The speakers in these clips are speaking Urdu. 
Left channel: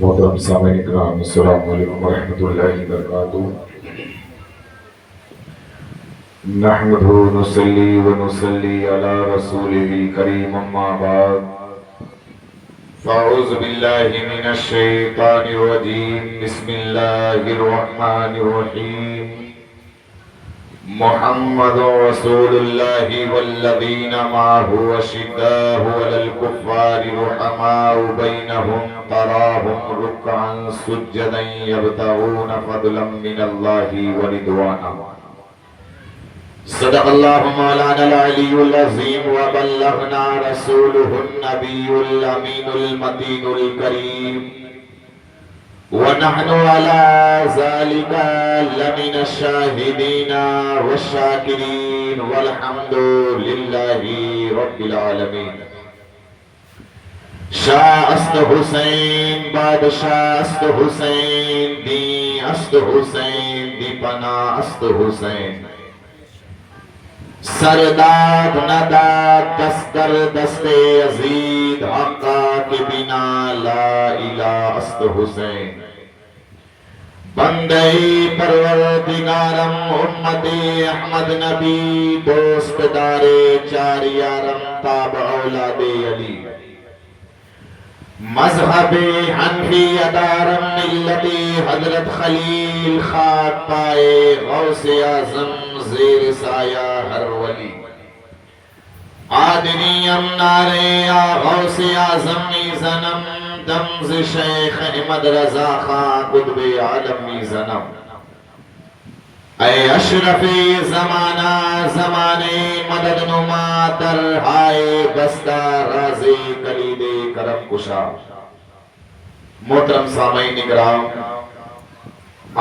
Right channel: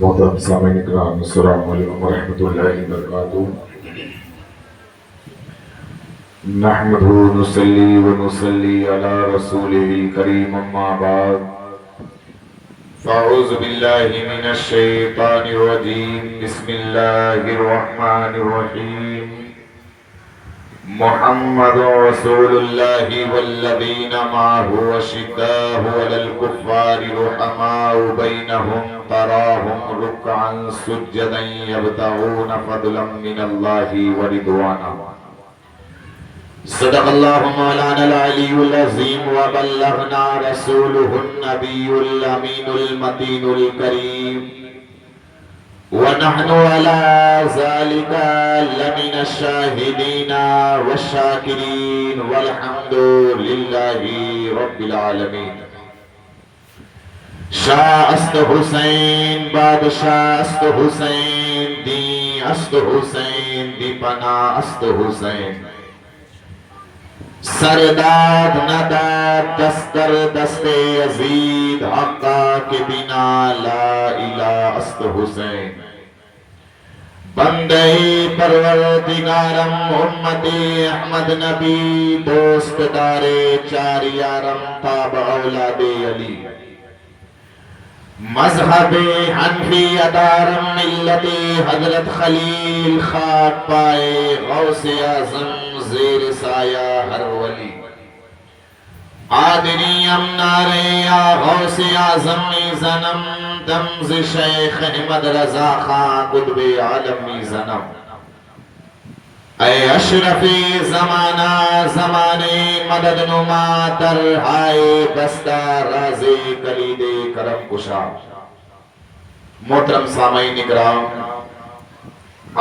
محترم سامعین کرام، السلام علیکم ورحمۃ اللہ وبرکاتہ۔ نحمده ونصلي ونصلي على رسوله الكريم، اما بعد فاعوذ بالله من الشیطان الرجیم، بسم اللہ الرحمن الرحیم۔ محمد رسول اللہ والذین معه اشداء علی الکفار رحماء بینہم تراہم رکعا سجدا یبتغون فضلا من اللہ ورضوانا۔ صدق اللہ مولانا العلی العظیم وبلغنا رسولہ النبی الامین المتین الکریم، ونحن على ذلك لمن الشاهدين والشاكرين والحمد لله رب العالمين۔ شاہ است حسین بادشاہ است حسین، دین است حسین دی پناہ است حسین، سرداد نداد دستر دست عزید، حقا کے بنا لا الہ است حسین۔ بندے پروردگارم امت احمد نبی، دوست دار چار یارم تاب اولاد علی، مذہب حنفی ادارم ملت حضرت خلیل، خاک پائے غوث اعظم زیر سایہ ہر ولی، آدنیم نارے یا غوث اعظم زنم، دمز شیخ احمد رضا خان قطب عالم زنم، اے اشرفی زمانہ زمانے مدد نما ترہائے بستہ رازِ کلید کرم کشا۔ محترم سامعین اکرام،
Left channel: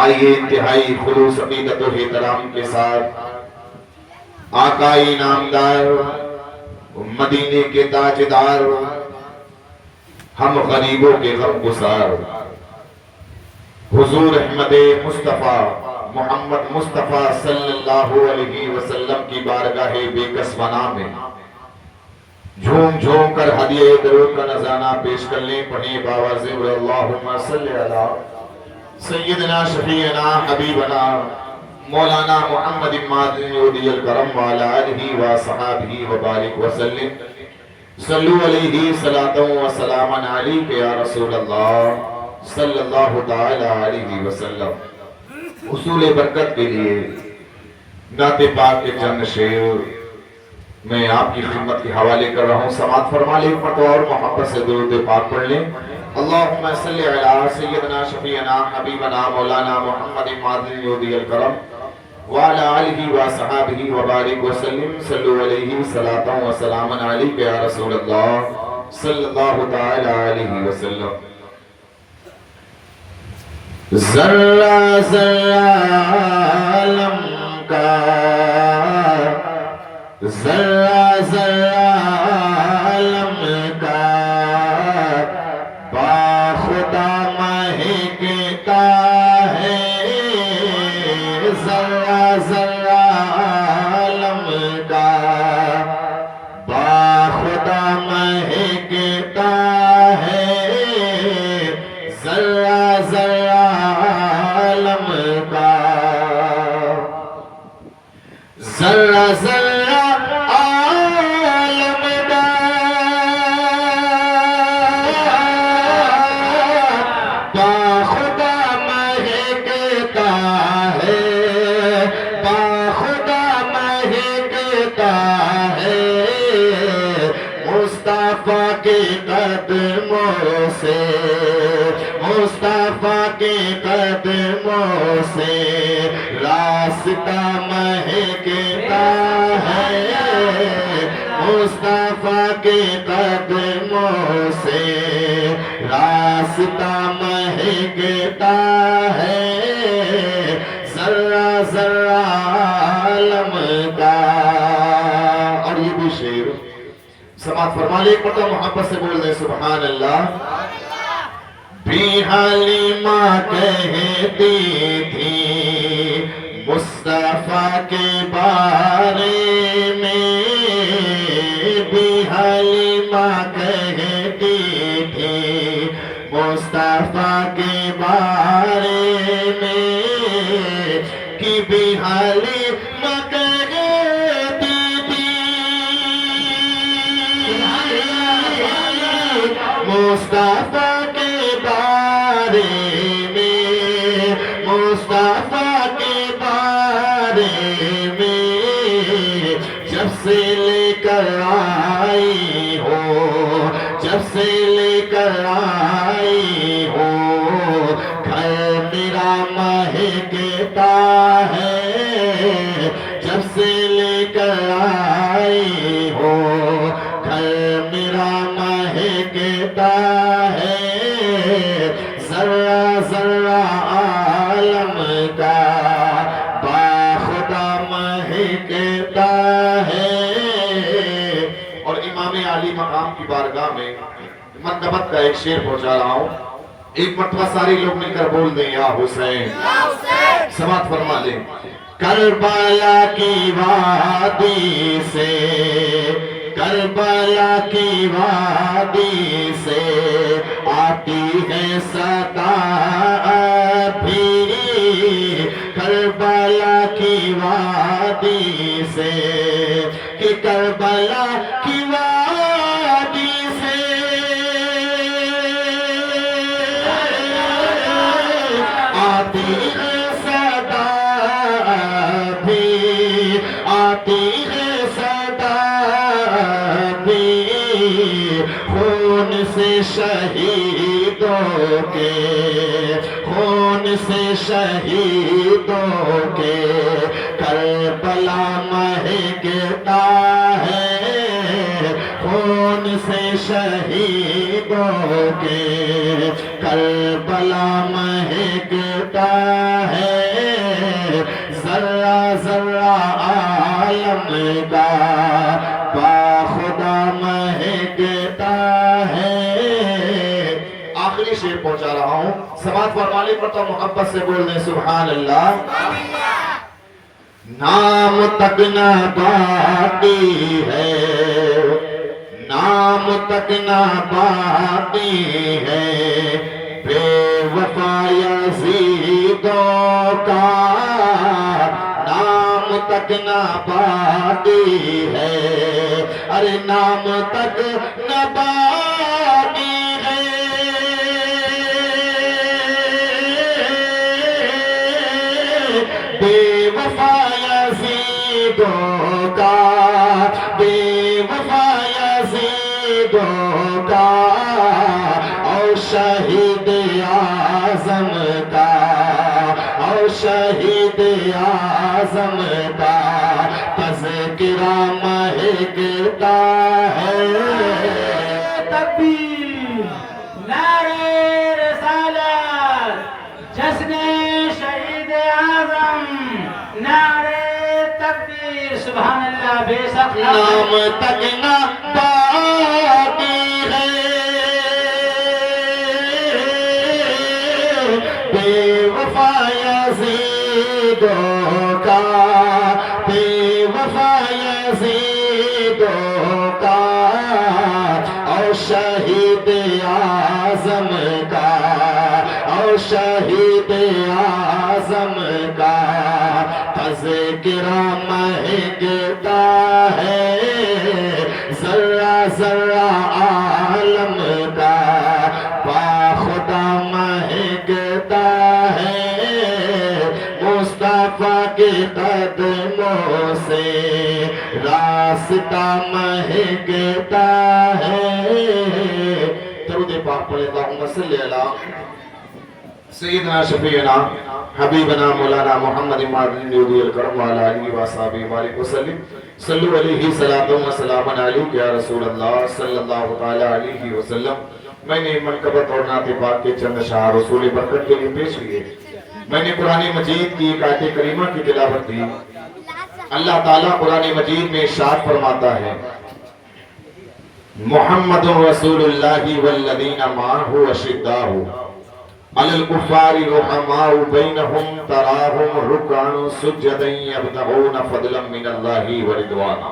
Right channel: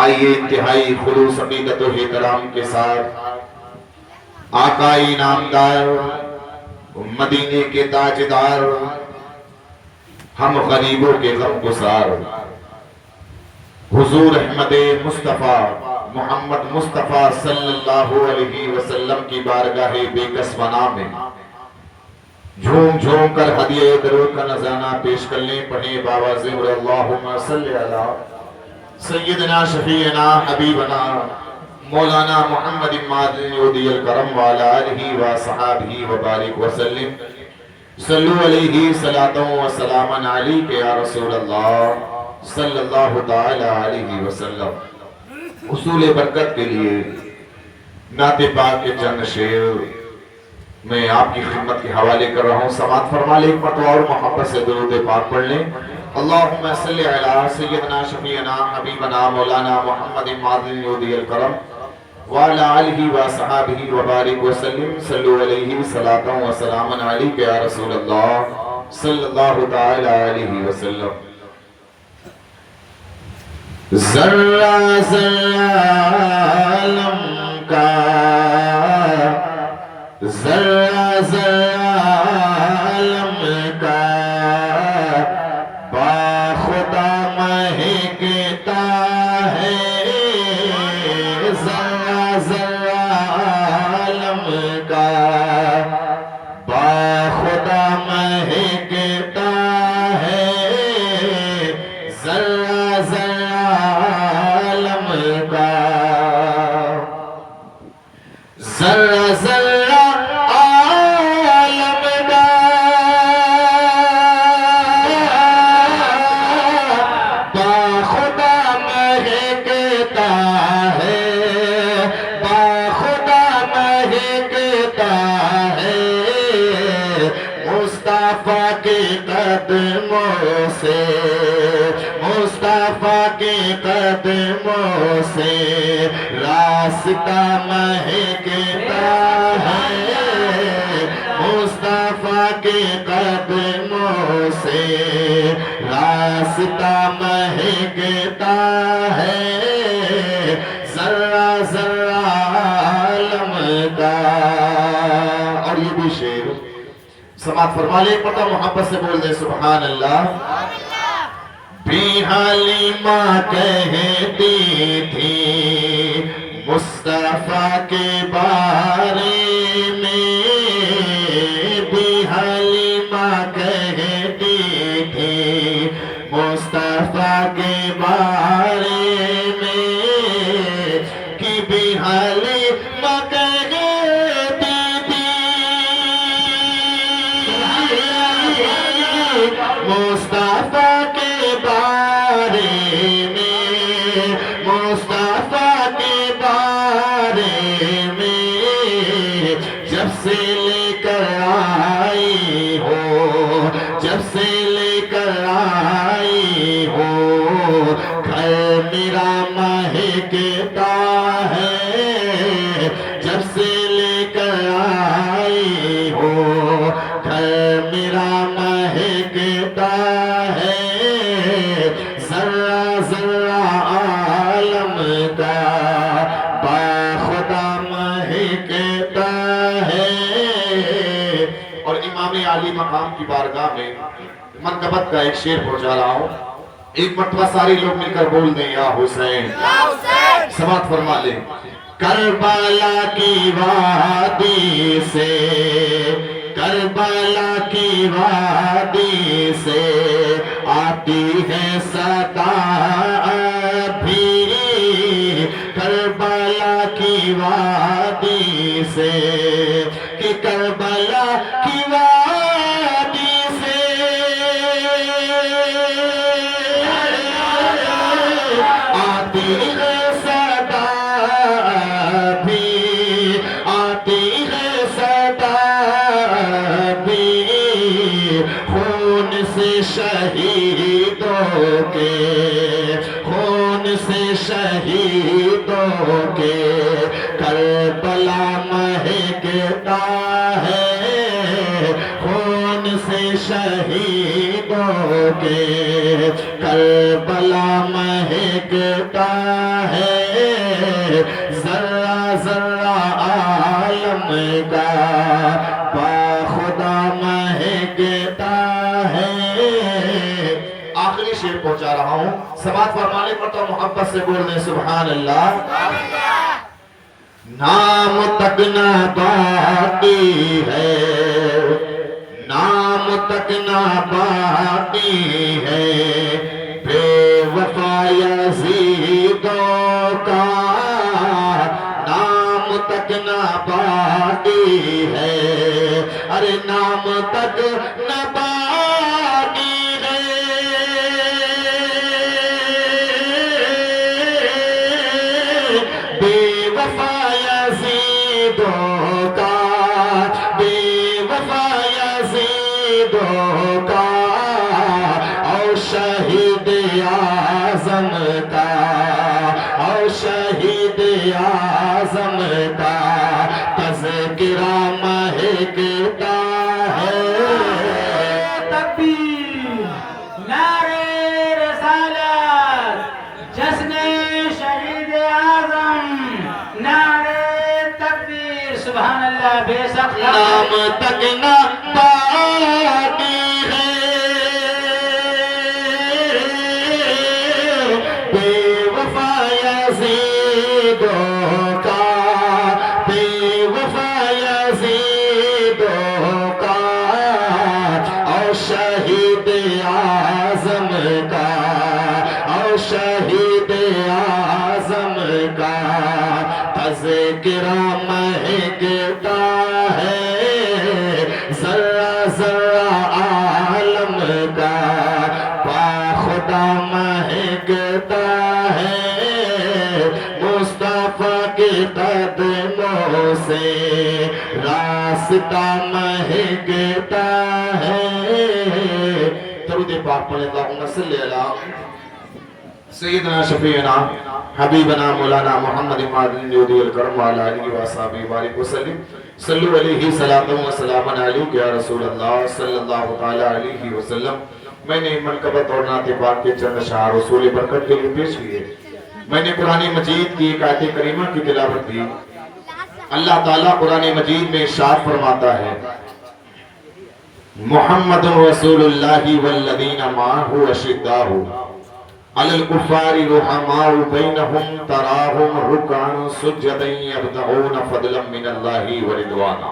آئیے انتہائی خلوص عقیدت و احترام کے ساتھ آقائی نامدار، مدینے کے تاجدار، ہم غریبوں کے غم گسار، حضور احمد مصطفیٰ محمد مصطفیٰ صلی اللہ علیہ وسلم کی بارگاہ بے کس بنا میں جھوم جھوم کر ہدیہ درود کا نذرانہ پیش کر لیں۔ پڑھیں باواز اللہم صلی علی سیدنا شفیعنا حبیبنا مولانا محمد مادن یودی الکرم وعلا آلہ و صحابہ وبارک وسلم۔ صلو علیہ صلاة و سلاما علیک یا رسول اللہ صلی اللہ تعالی علیہ وسلم۔ حصول برکت کے لیے نعت پاک کے چند شعر میں آپ کی خدمت کے حوالے کر رہا ہوں، سماعت فرما لیں، ایک مرتبہ اور محبت سے درود پاک پڑھ لیں۔ اللہم صلی علی سیدنا شفیعنا حبیبنا مولانا محمد مادن یودی الکرم وعلا آلہ و صحابہ وبارک وسلم۔ صلو علیہ صلاة و سلاما علیک یا رسول اللہ صلی اللہ تعالی علیہ وسلم۔ ذرہ ذرہ عالم کا، ذرہ ذرہ عالم کا، باخدا مہکتا ہے، ذرہ ذرہ عالم کا، باخدا مہکتا ہے، ذرہ ذرہ عالم کا، ذرہ ذرہ عالم کا، باخدا مہکتا ہے، باخدا مہکتا ہے، مصطفیٰ کے قدموں سے، مصطفیٰ کے قدموں سے راستہ مہکتا ہے، مصطفیٰ کے قدموں سے راستہ مہکتا ہے، ذرہ ذرہ عالم کا۔ اور یہ بھی شعر سماعت فرما لے، ایک مرتبہ محبت سے بول دیں سبحان اللہ۔ بی حلیمہ کہتی تھی مصطفیٰ کے بارے میں، بی حلیمہ کہتی دی تھی مصطفیٰ کے بارے میں کہ بھی حلیمہ کہتی تھی مصطفیٰ کے بارے میں مصطفیٰ کے بارے میں جب سے لے کر آئی ہو جب سے لے کر آئی ہو گھر میرا مہکتا ہے جب سے لے کر آئی ہو گھر میرا مہکتا ہے ذرہ ذرہ عالم کا باخدا مہکتا ہے۔ اور امام عالی مقام کی بارگاہ میں منقبت کا ایک شعر پہنچا رہا ہوں، ایک مرتبہ سارے لوگ مل کر بول دیں یا حسین، سماعت فرما لیں۔ کربلا کی وادی سے کربلا کی وادی سے آتی ہے صدا ابھی کربلا کی وادی سے کہ کربلا کی وادی سے آتی ہے صدا ابھی آتی ہے صدا ابھی خون سے شہیدوں کے خون سے شہیدوں کے کربلا مہکتا ہے خون سے شہیدوں کے کربلا مہکتا ہے ذرہ ذرہ عالم کا باخدا مہکتا ہے۔ آخری شعر پہنچا رہا ہوں، سماعت فرمانے پر تو محبت سے بولنے سبحان اللہ۔ نام تک نہ باقی ہے نام تک نہ باقی ہے بے وفا یزیدوں کا نام تک نہ باقی ہے ارے نام تک نہ باقی ہے بے وفا یزیدوں کا بے وفا یزیدوں کا اور شہید اعظم کا اور شہید اعظم کا تذکرہ مہکتا ہے۔ تکبیر، نعرے رسالت، جشن شہید اعظم، نعرے تکبیر، سبحان اللہ، بے شک نام تک نہ باقی ہے بے وفا یزیدوں کا بے وفا یزیدوں کا اور شہید اعظم کا اور شہید اعظم کا تذکرہ مہکتا ہے ذرہ ذرہ عالم کا باخدا مہکتا ہے مصطفیٰ کے قدموں سے راستہ مہکتا ہے۔ درود پاک پڑھیں اللہم صلی علی سیدنا شفیعنا حبیبنا مولانا محمد مادنی الکرم وعلی آلہ وصحبہ وبارک وسلم صلو علیہ صلاۃ و سلام علیک یا رسول اللہ صلی اللہ تعالی علیہ وسلم۔ میں نے منقبت اور نعت پاک کے چند اشعار رسول برکت کے لیے پیش کیے۔ میں نے قرآن مجید کی ایک آیت کریمہ کی تلاوت کی۔ اللہ تعالیٰ قرآن مجید میں ارشاد فرماتا ہے محمد رسول اللہ والذین معہ اشداء علی الکفار رحماء بینہم تراہم رکعا سجدا یبتغون فضلا من اللہ ورضوانا۔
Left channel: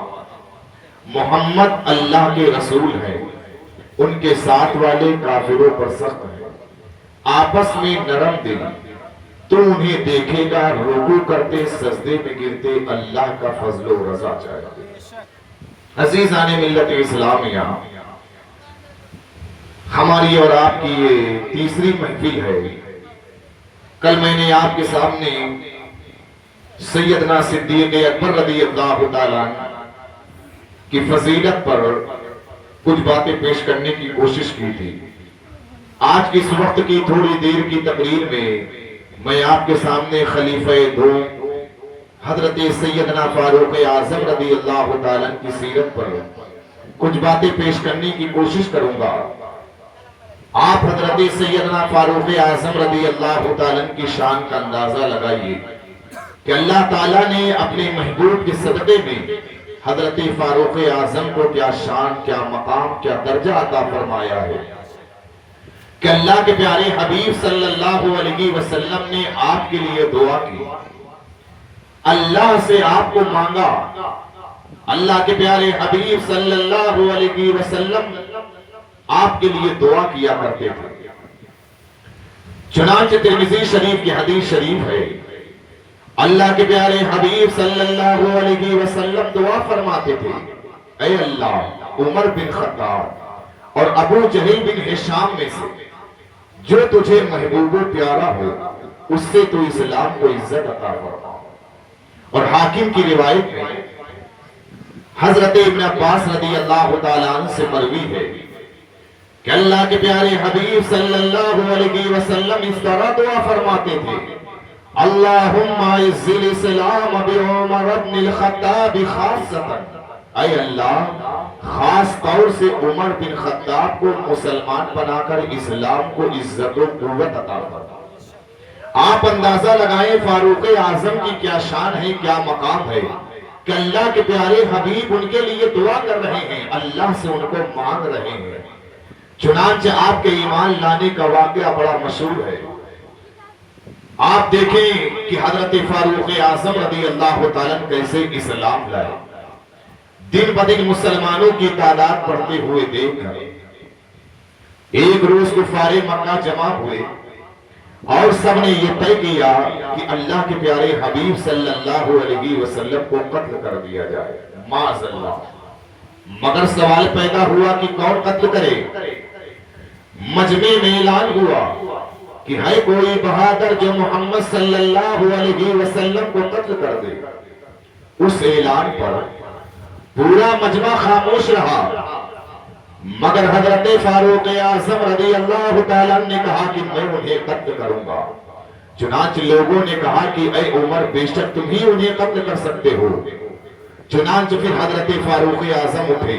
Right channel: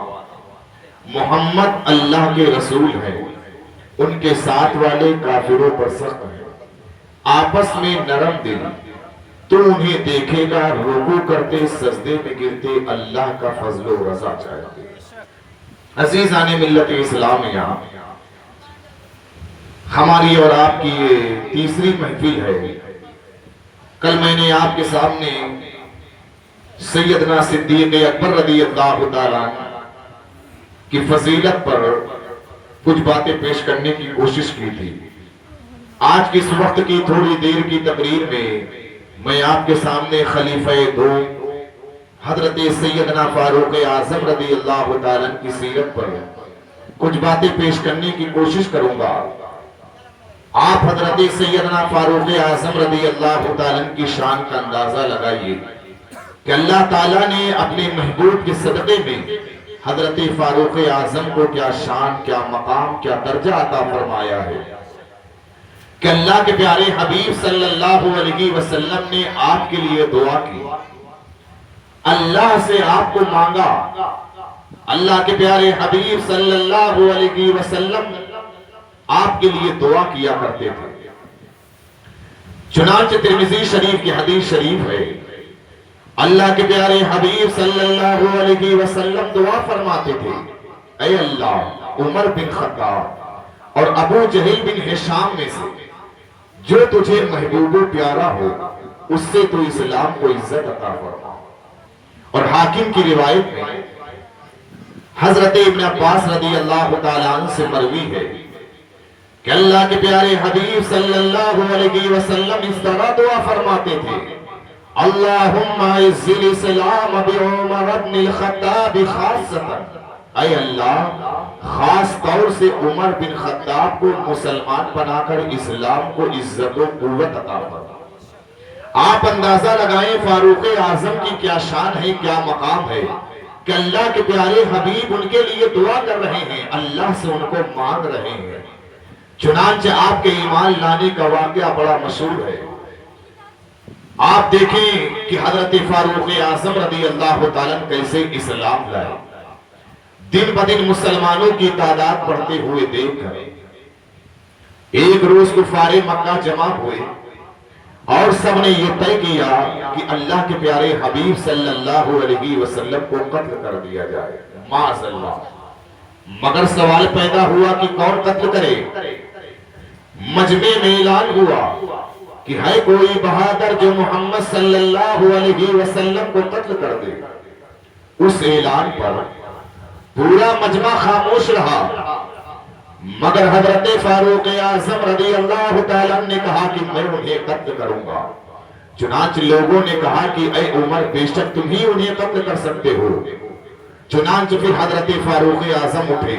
محمد اللہ کے رسول ہے، ان کے ساتھ والے کافروں پر سخت ہے، آپس میں نرم دل، تو انہیں دیکھے گا رکوع کرتے سجدے میں گرتے اللہ کا فضل و رضا چاہتے۔ عزیزان ملت اسلامیہ، ہماری اور آپ کی یہ تیسری محفل ہے۔ کل میں نے آپ کے سامنے سیدنا صدیق اکبر رضی اللہ تعالیٰ کی فضیلت پر کچھ باتیں پیش کرنے کی کوشش کی تھی۔ آج کی اس وقت کی تھوڑی دیر کی تقریر میں آپ کے سامنے خلیفہ دو حضرت سیدنا فاروق اعظم رضی اللہ تعالیٰ کی سیرت پر کچھ باتیں پیش کرنے کی کوشش کروں گا۔ آپ حضرت سیدنا فاروق اعظم رضی اللہ تعالیٰ کی شان کا اندازہ لگائیے کہ اللہ تعالیٰ نے اپنے محبوب کے صدقے میں حضرت فاروق اعظم کو کیا شان، کیا مقام، کیا درجہ عطا فرمایا ہے کہ اللہ کے پیارے حبیب صلی اللہ علیہ وسلم نے آپ کے لیے دعا کی، اللہ سے آپ کو مانگا۔ اللہ کے پیارے حبیب صلی اللہ علیہ وسلم آپ کے لیے دعا کیا کرتے تھے۔ چنانچہ ترمذی شریف کی حدیث شریف ہے، اللہ کے پیارے حبیب صلی اللہ علیہ وسلم دعا فرماتے تھے، اے اللہ، عمر بن خطاب اور ابو جہل بن ہشام میں سے جو تجھے محبوب و پیارا ہو اس سے تو اسلام کو عزت عطا فرما۔ اور حاکم کی روایت میں حضرت ابن عباس رضی اللہ تعالیٰ عنہ سے مروی ہے کہ اللہ کے پیارے حبیب صلی اللہ علیہ وسلم اس طرح دعا فرماتے تھے، اللہم اعز الاسلام بعمر بن الخطاب خاصتا، اے اللہ خاص طور سے عمر بن خطاب کو مسلمان بنا کر اسلام کو عزت و قوت عطا فرما۔ آپ اندازہ لگائیں فاروق اعظم کی کیا شان ہے، کیا مقام ہے کہ اللہ کے پیارے حبیب ان کے لیے دعا کر رہے ہیں، اللہ سے ان کو مانگ رہے ہیں۔ چنانچہ آپ کے ایمان لانے کا واقعہ بڑا مشہور ہے۔ آپ دیکھیں کہ حضرت فاروق اعظم رضی اللہ تعالیٰ کیسے اسلام لائے۔ دن بدن مسلمانوں کی تعداد بڑھتے ہوئے دیکھ کر ایک روز کفار مکہ جمع ہوئے اور سب نے یہ طے کیا کہ اللہ کے پیارے حبیب صلی اللہ علیہ وسلم کو قتل کر دیا جائے، معاذ اللہ۔ مگر سوال پیدا ہوا کہ کون قتل کرے؟ مجمع میں اعلان ہوا کہ ہے کوئی بہادر جو محمد صلی اللہ علیہ وسلم کو قتل کر دے۔ اس اعلان پر پورا مجمع خاموش رہا، مگر حضرت فاروق اعظم رضی اللہ تعالیٰ نے کہا کہ میں انہیں قتل کروں گا۔ چنانچہ لوگوں نے کہا کہ اے عمر، بے شک تم ہی انہیں قتل کر سکتے ہو۔ چنانچہ پھر حضرت فاروق اعظم اٹھے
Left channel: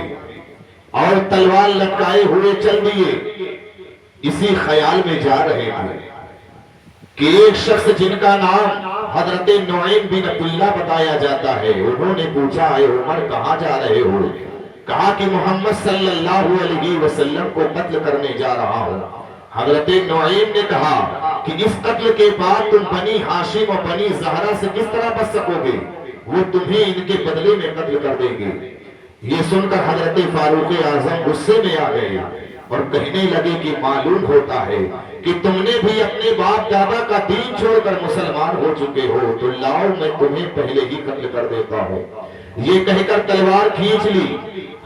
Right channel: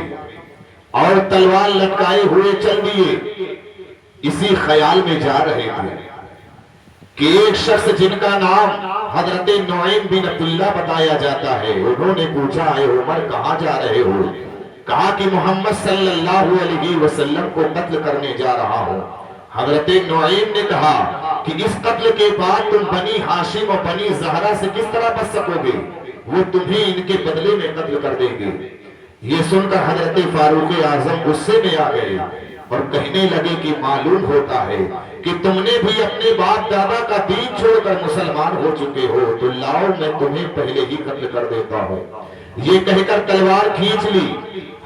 اور تلوار لٹکائے ہوئے چل دیے۔ اسی خیال میں جا رہے تھے کہ ایک شخص جن کا نام حضرت نعیم بن عبداللہ بتایا جاتا ہے، انہوں نے پوچھا، اے عمر کہاں جا رہے ہو؟ کہا کہ محمد صلی اللہ علیہ وسلم کو قتل کرنے جا رہا ہوں۔ حضرت نعیم نے کہا کہ اس قتل کے بعد تم بنی ہاشم اور بنی زہرہ سے کس طرح بچ سکو گے؟ وہ تمہیں ان کے بدلے میں قتل کر دیں گے۔ یہ سن کر حضرت فاروق اعظم غصے میں آ گئے اور کہنے لگے کہ معلوم ہوتا ہے کہ تم نے بھی اپنے باپ دادا کا دین چھوڑ کر مسلمان ہو چکے ہو، تو لاؤ میں تمہیں پہلے ہی قتل کر دیتا ہوں۔ یہ کہہ کر تلوار کھینچ لی۔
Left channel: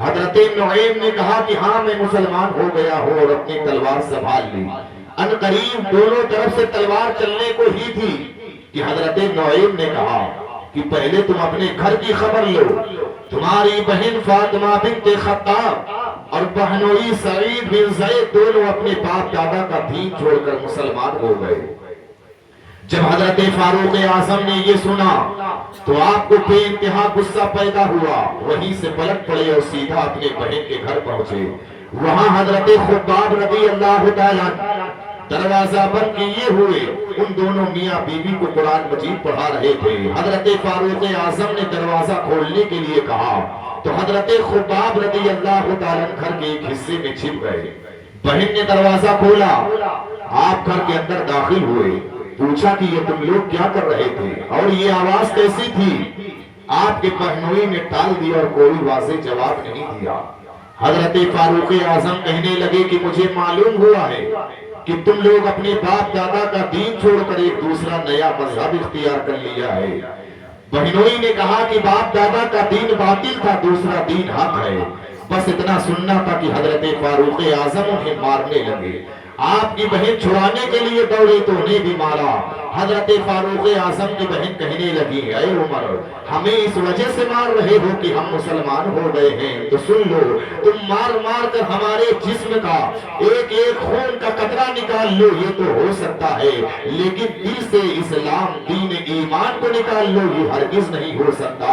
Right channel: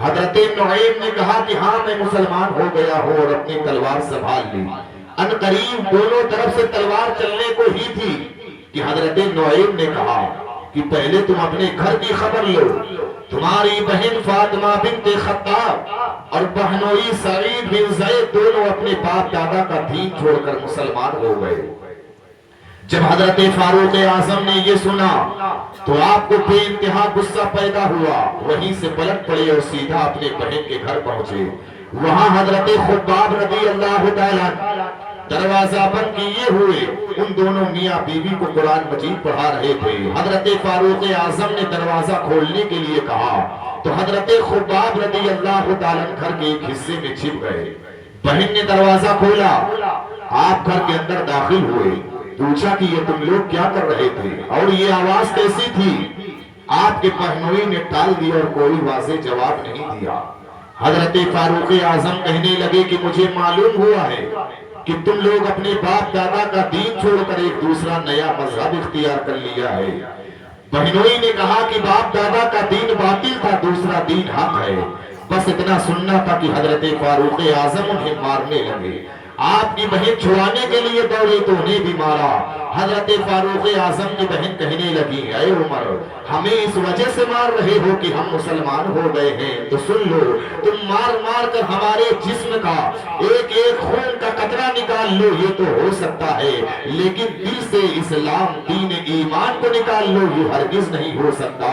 حضرت نعیم نے کہا کہ ہاں میں مسلمان ہو گیا ہوں، اور اپنی تلوار سنبھال لی۔ ان قریب دونوں طرف سے تلوار چلنے کو ہی تھی کہ حضرت نعیم نے کہا کہ پہلے تم اپنے گھر کی خبر لو۔ تمہاری بہن فاطمہ بنت خطاب اور بہنوئی سعید بن زید دونوں اپنے باپ دادا کا دین چھوڑ کر مسلمان ہو گئے۔ جب حضرت فاروق اعظم نے یہ سنا تو آپ کو بے انتہا غصہ پیدا ہوا، وہیں سے پلٹ پڑے اور سیدھا اپنے بہن کے گھر پہنچے۔ وہاں حضرت خباب رضی اللہ تعالیٰ دروازہ بند کیے ہوئے ان دونوں میاں بیوی کو قرآن مجید پڑھا رہے تھے۔ حضرت فاروق اعظم نے دروازہ کھولنے کے لیے کہا تو حضرت خباب رضی اللہ تعالیٰ گھر کے ایک حصے میں چھپ گئے۔ بہن نے دروازہ کھولا، آپ گھر کے اندر داخل ہوئے، پوچھا کہ یہ تم لوگ کیا کر رہے تھے اور یہ آواز کیسی تھی؟ آپ کے بہنوئی نے ٹال دیا اور کوئی واضح جواب نہیں دیا۔ حضرت فاروق اعظم کہنے لگے کہ مجھے معلوم ہوا ہے کہ تم لوگ اپنے باپ دادا کا دین چھوڑ کر ایک دوسرا نیا مذہب اختیار کر لیا ہے۔ بہنوئی نے کہا کہ باپ دادا کا دین باطل تھا، دوسرا دین حق ہے۔ بس اتنا سننا تھا کہ حضرت فاروق اعظم انہیں مارنے لگے۔ آپ کی بہن چھڑانے کے لیے دوڑی تو انہیں بھی مارا۔ حضرت فاروق اعظم کی بہن کہنے لگی اے عمر ہمیں اس وجہ سے مار رہے ہو کہ ہم مسلمان ہو گئے ہیں، تو سن لو تم مار مار کر ہمارے جسم کا ایک ایک خون کا قطرہ نکال لو یہ تو ہو سکتا ہے، لیکن دل سے اسلام دین ایمان کو نکال لو یہ ہرگز نہیں ہو سکتا۔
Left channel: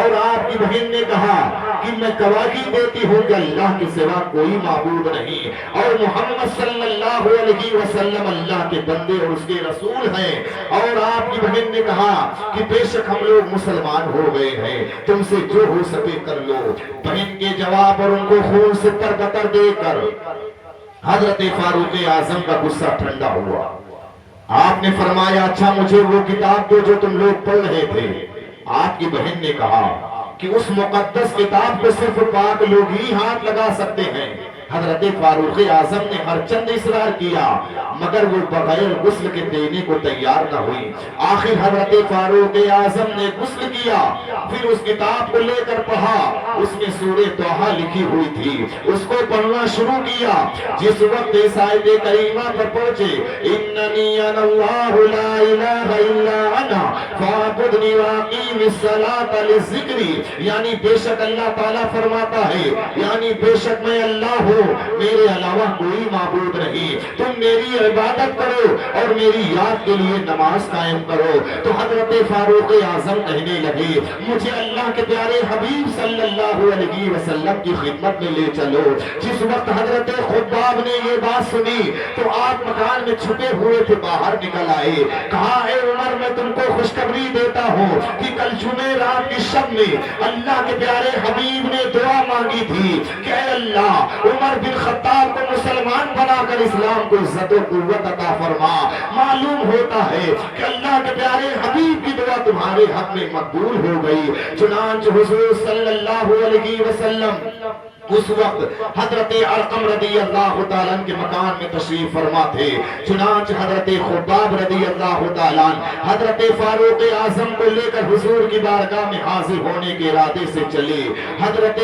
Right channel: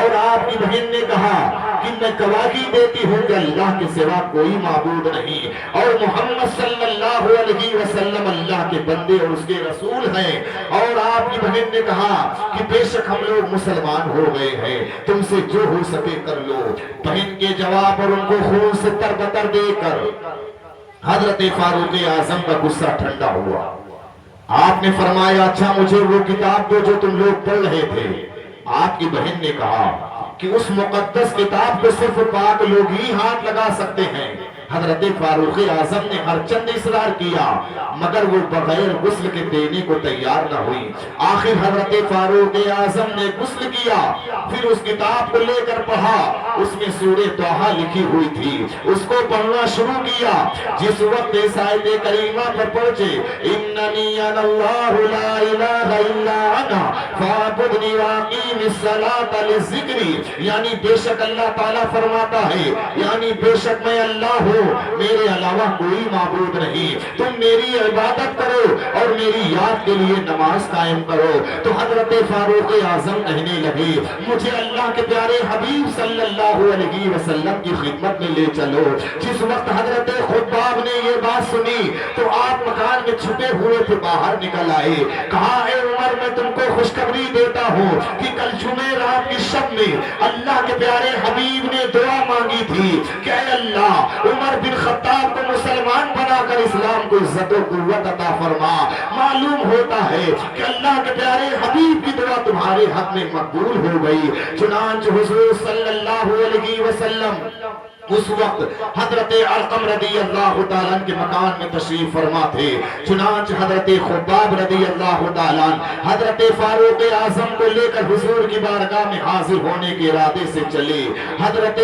اور آپ کی بہن نے کہا کہ میں گواہی دیتی ہوں کہ اللہ کے سوا کوئی معبود نہیں اور محمد صلی اللہ علیہ وسلم اللہ کے بندے اور اس کے رسول ہیں۔ اور آپ کی بہن نے کہا کہ بے شک ہم لوگ مسلمان ہو گئے ہیں، تم سے جو ہو سکے کر لو۔ بہن کے جواب اور ان کو خون سے تربتر دے کر حضرت فاروق اعظم کا غصہ ٹھنڈا ہوا۔ آپ نے فرمایا اچھا مجھے وہ کتاب دو جو تم لوگ پڑھ رہے تھے۔ آپ کی بہن نے کہا کہ اس مقدس کتاب کو صرف پاک لوگ ہی ہاتھ لگا سکتے ہیں۔ حضرت فاروق اعظم نے ہر چند اصرار کیا مگر وہ بغیر غسل کے دینے کو تیار نہ ہوئی۔ آخر حضرت فاروق اعظم نے غسل کیا، پھر اس کتاب کو لے کر پڑھا، اس میں سورہ طٰہٰ لکھی ہوئی تھی، اس کو پڑھنا شروع کیا۔ جس وقت اس آیت کریمہ پر پہنچے اننی انا اللہ لا الہ الا انا فاعبدنی واقیم الصلاۃ لذکری، یعنی بے شک اللہ تعالیٰ فرماتا ہے یعنی بے شک میں اللہ ہوں، میرے علاوہ کوئی معبود نہیں، تم میری عبادت کرو اور میری یاد کے لیے نماز قائم کرو۔ تو حضرت فاروق اعظم کہنے لگے مجھے اللہ کے پیارے حبیب صلی اللہ علیہ وسلم کی خدمت میں لے چلو۔ جس وقت حضرت خباب نے یہ بات سنی تو آپ مکان میں چھپے ہوئے تھے باہر نکل آئے، کہا اے عمر میں تم کو خوشخبری دیتا ہوں کہ کل جمعرات کی شب میں اللہ کے پیارے حبیب نے دعا مانگی تھی کہ اے اللہ عمر بن خطاب کو مسلمان بنا کر اسلام کو عزت و قوت عطا فرما۔ معلوم ہوتا ہے کہ اللہ کے پیارے حبیب کی دعا تمہارے حق میں مقبول ہو گئی۔ چنانچہ حضور صلی اللہ علیہ وسلم اس وقت حضرت ارقم رضی اللہ تعالیٰ کے مکان میں تشریف فرما تھے۔ چنانچہ حضرت خباب رضی اللہ تعالیٰ حضرت فاروق اعظم کو لے کر حضور کی بارگاہ میں حاضر ہونے کے ارادے سے چلے۔ حضرت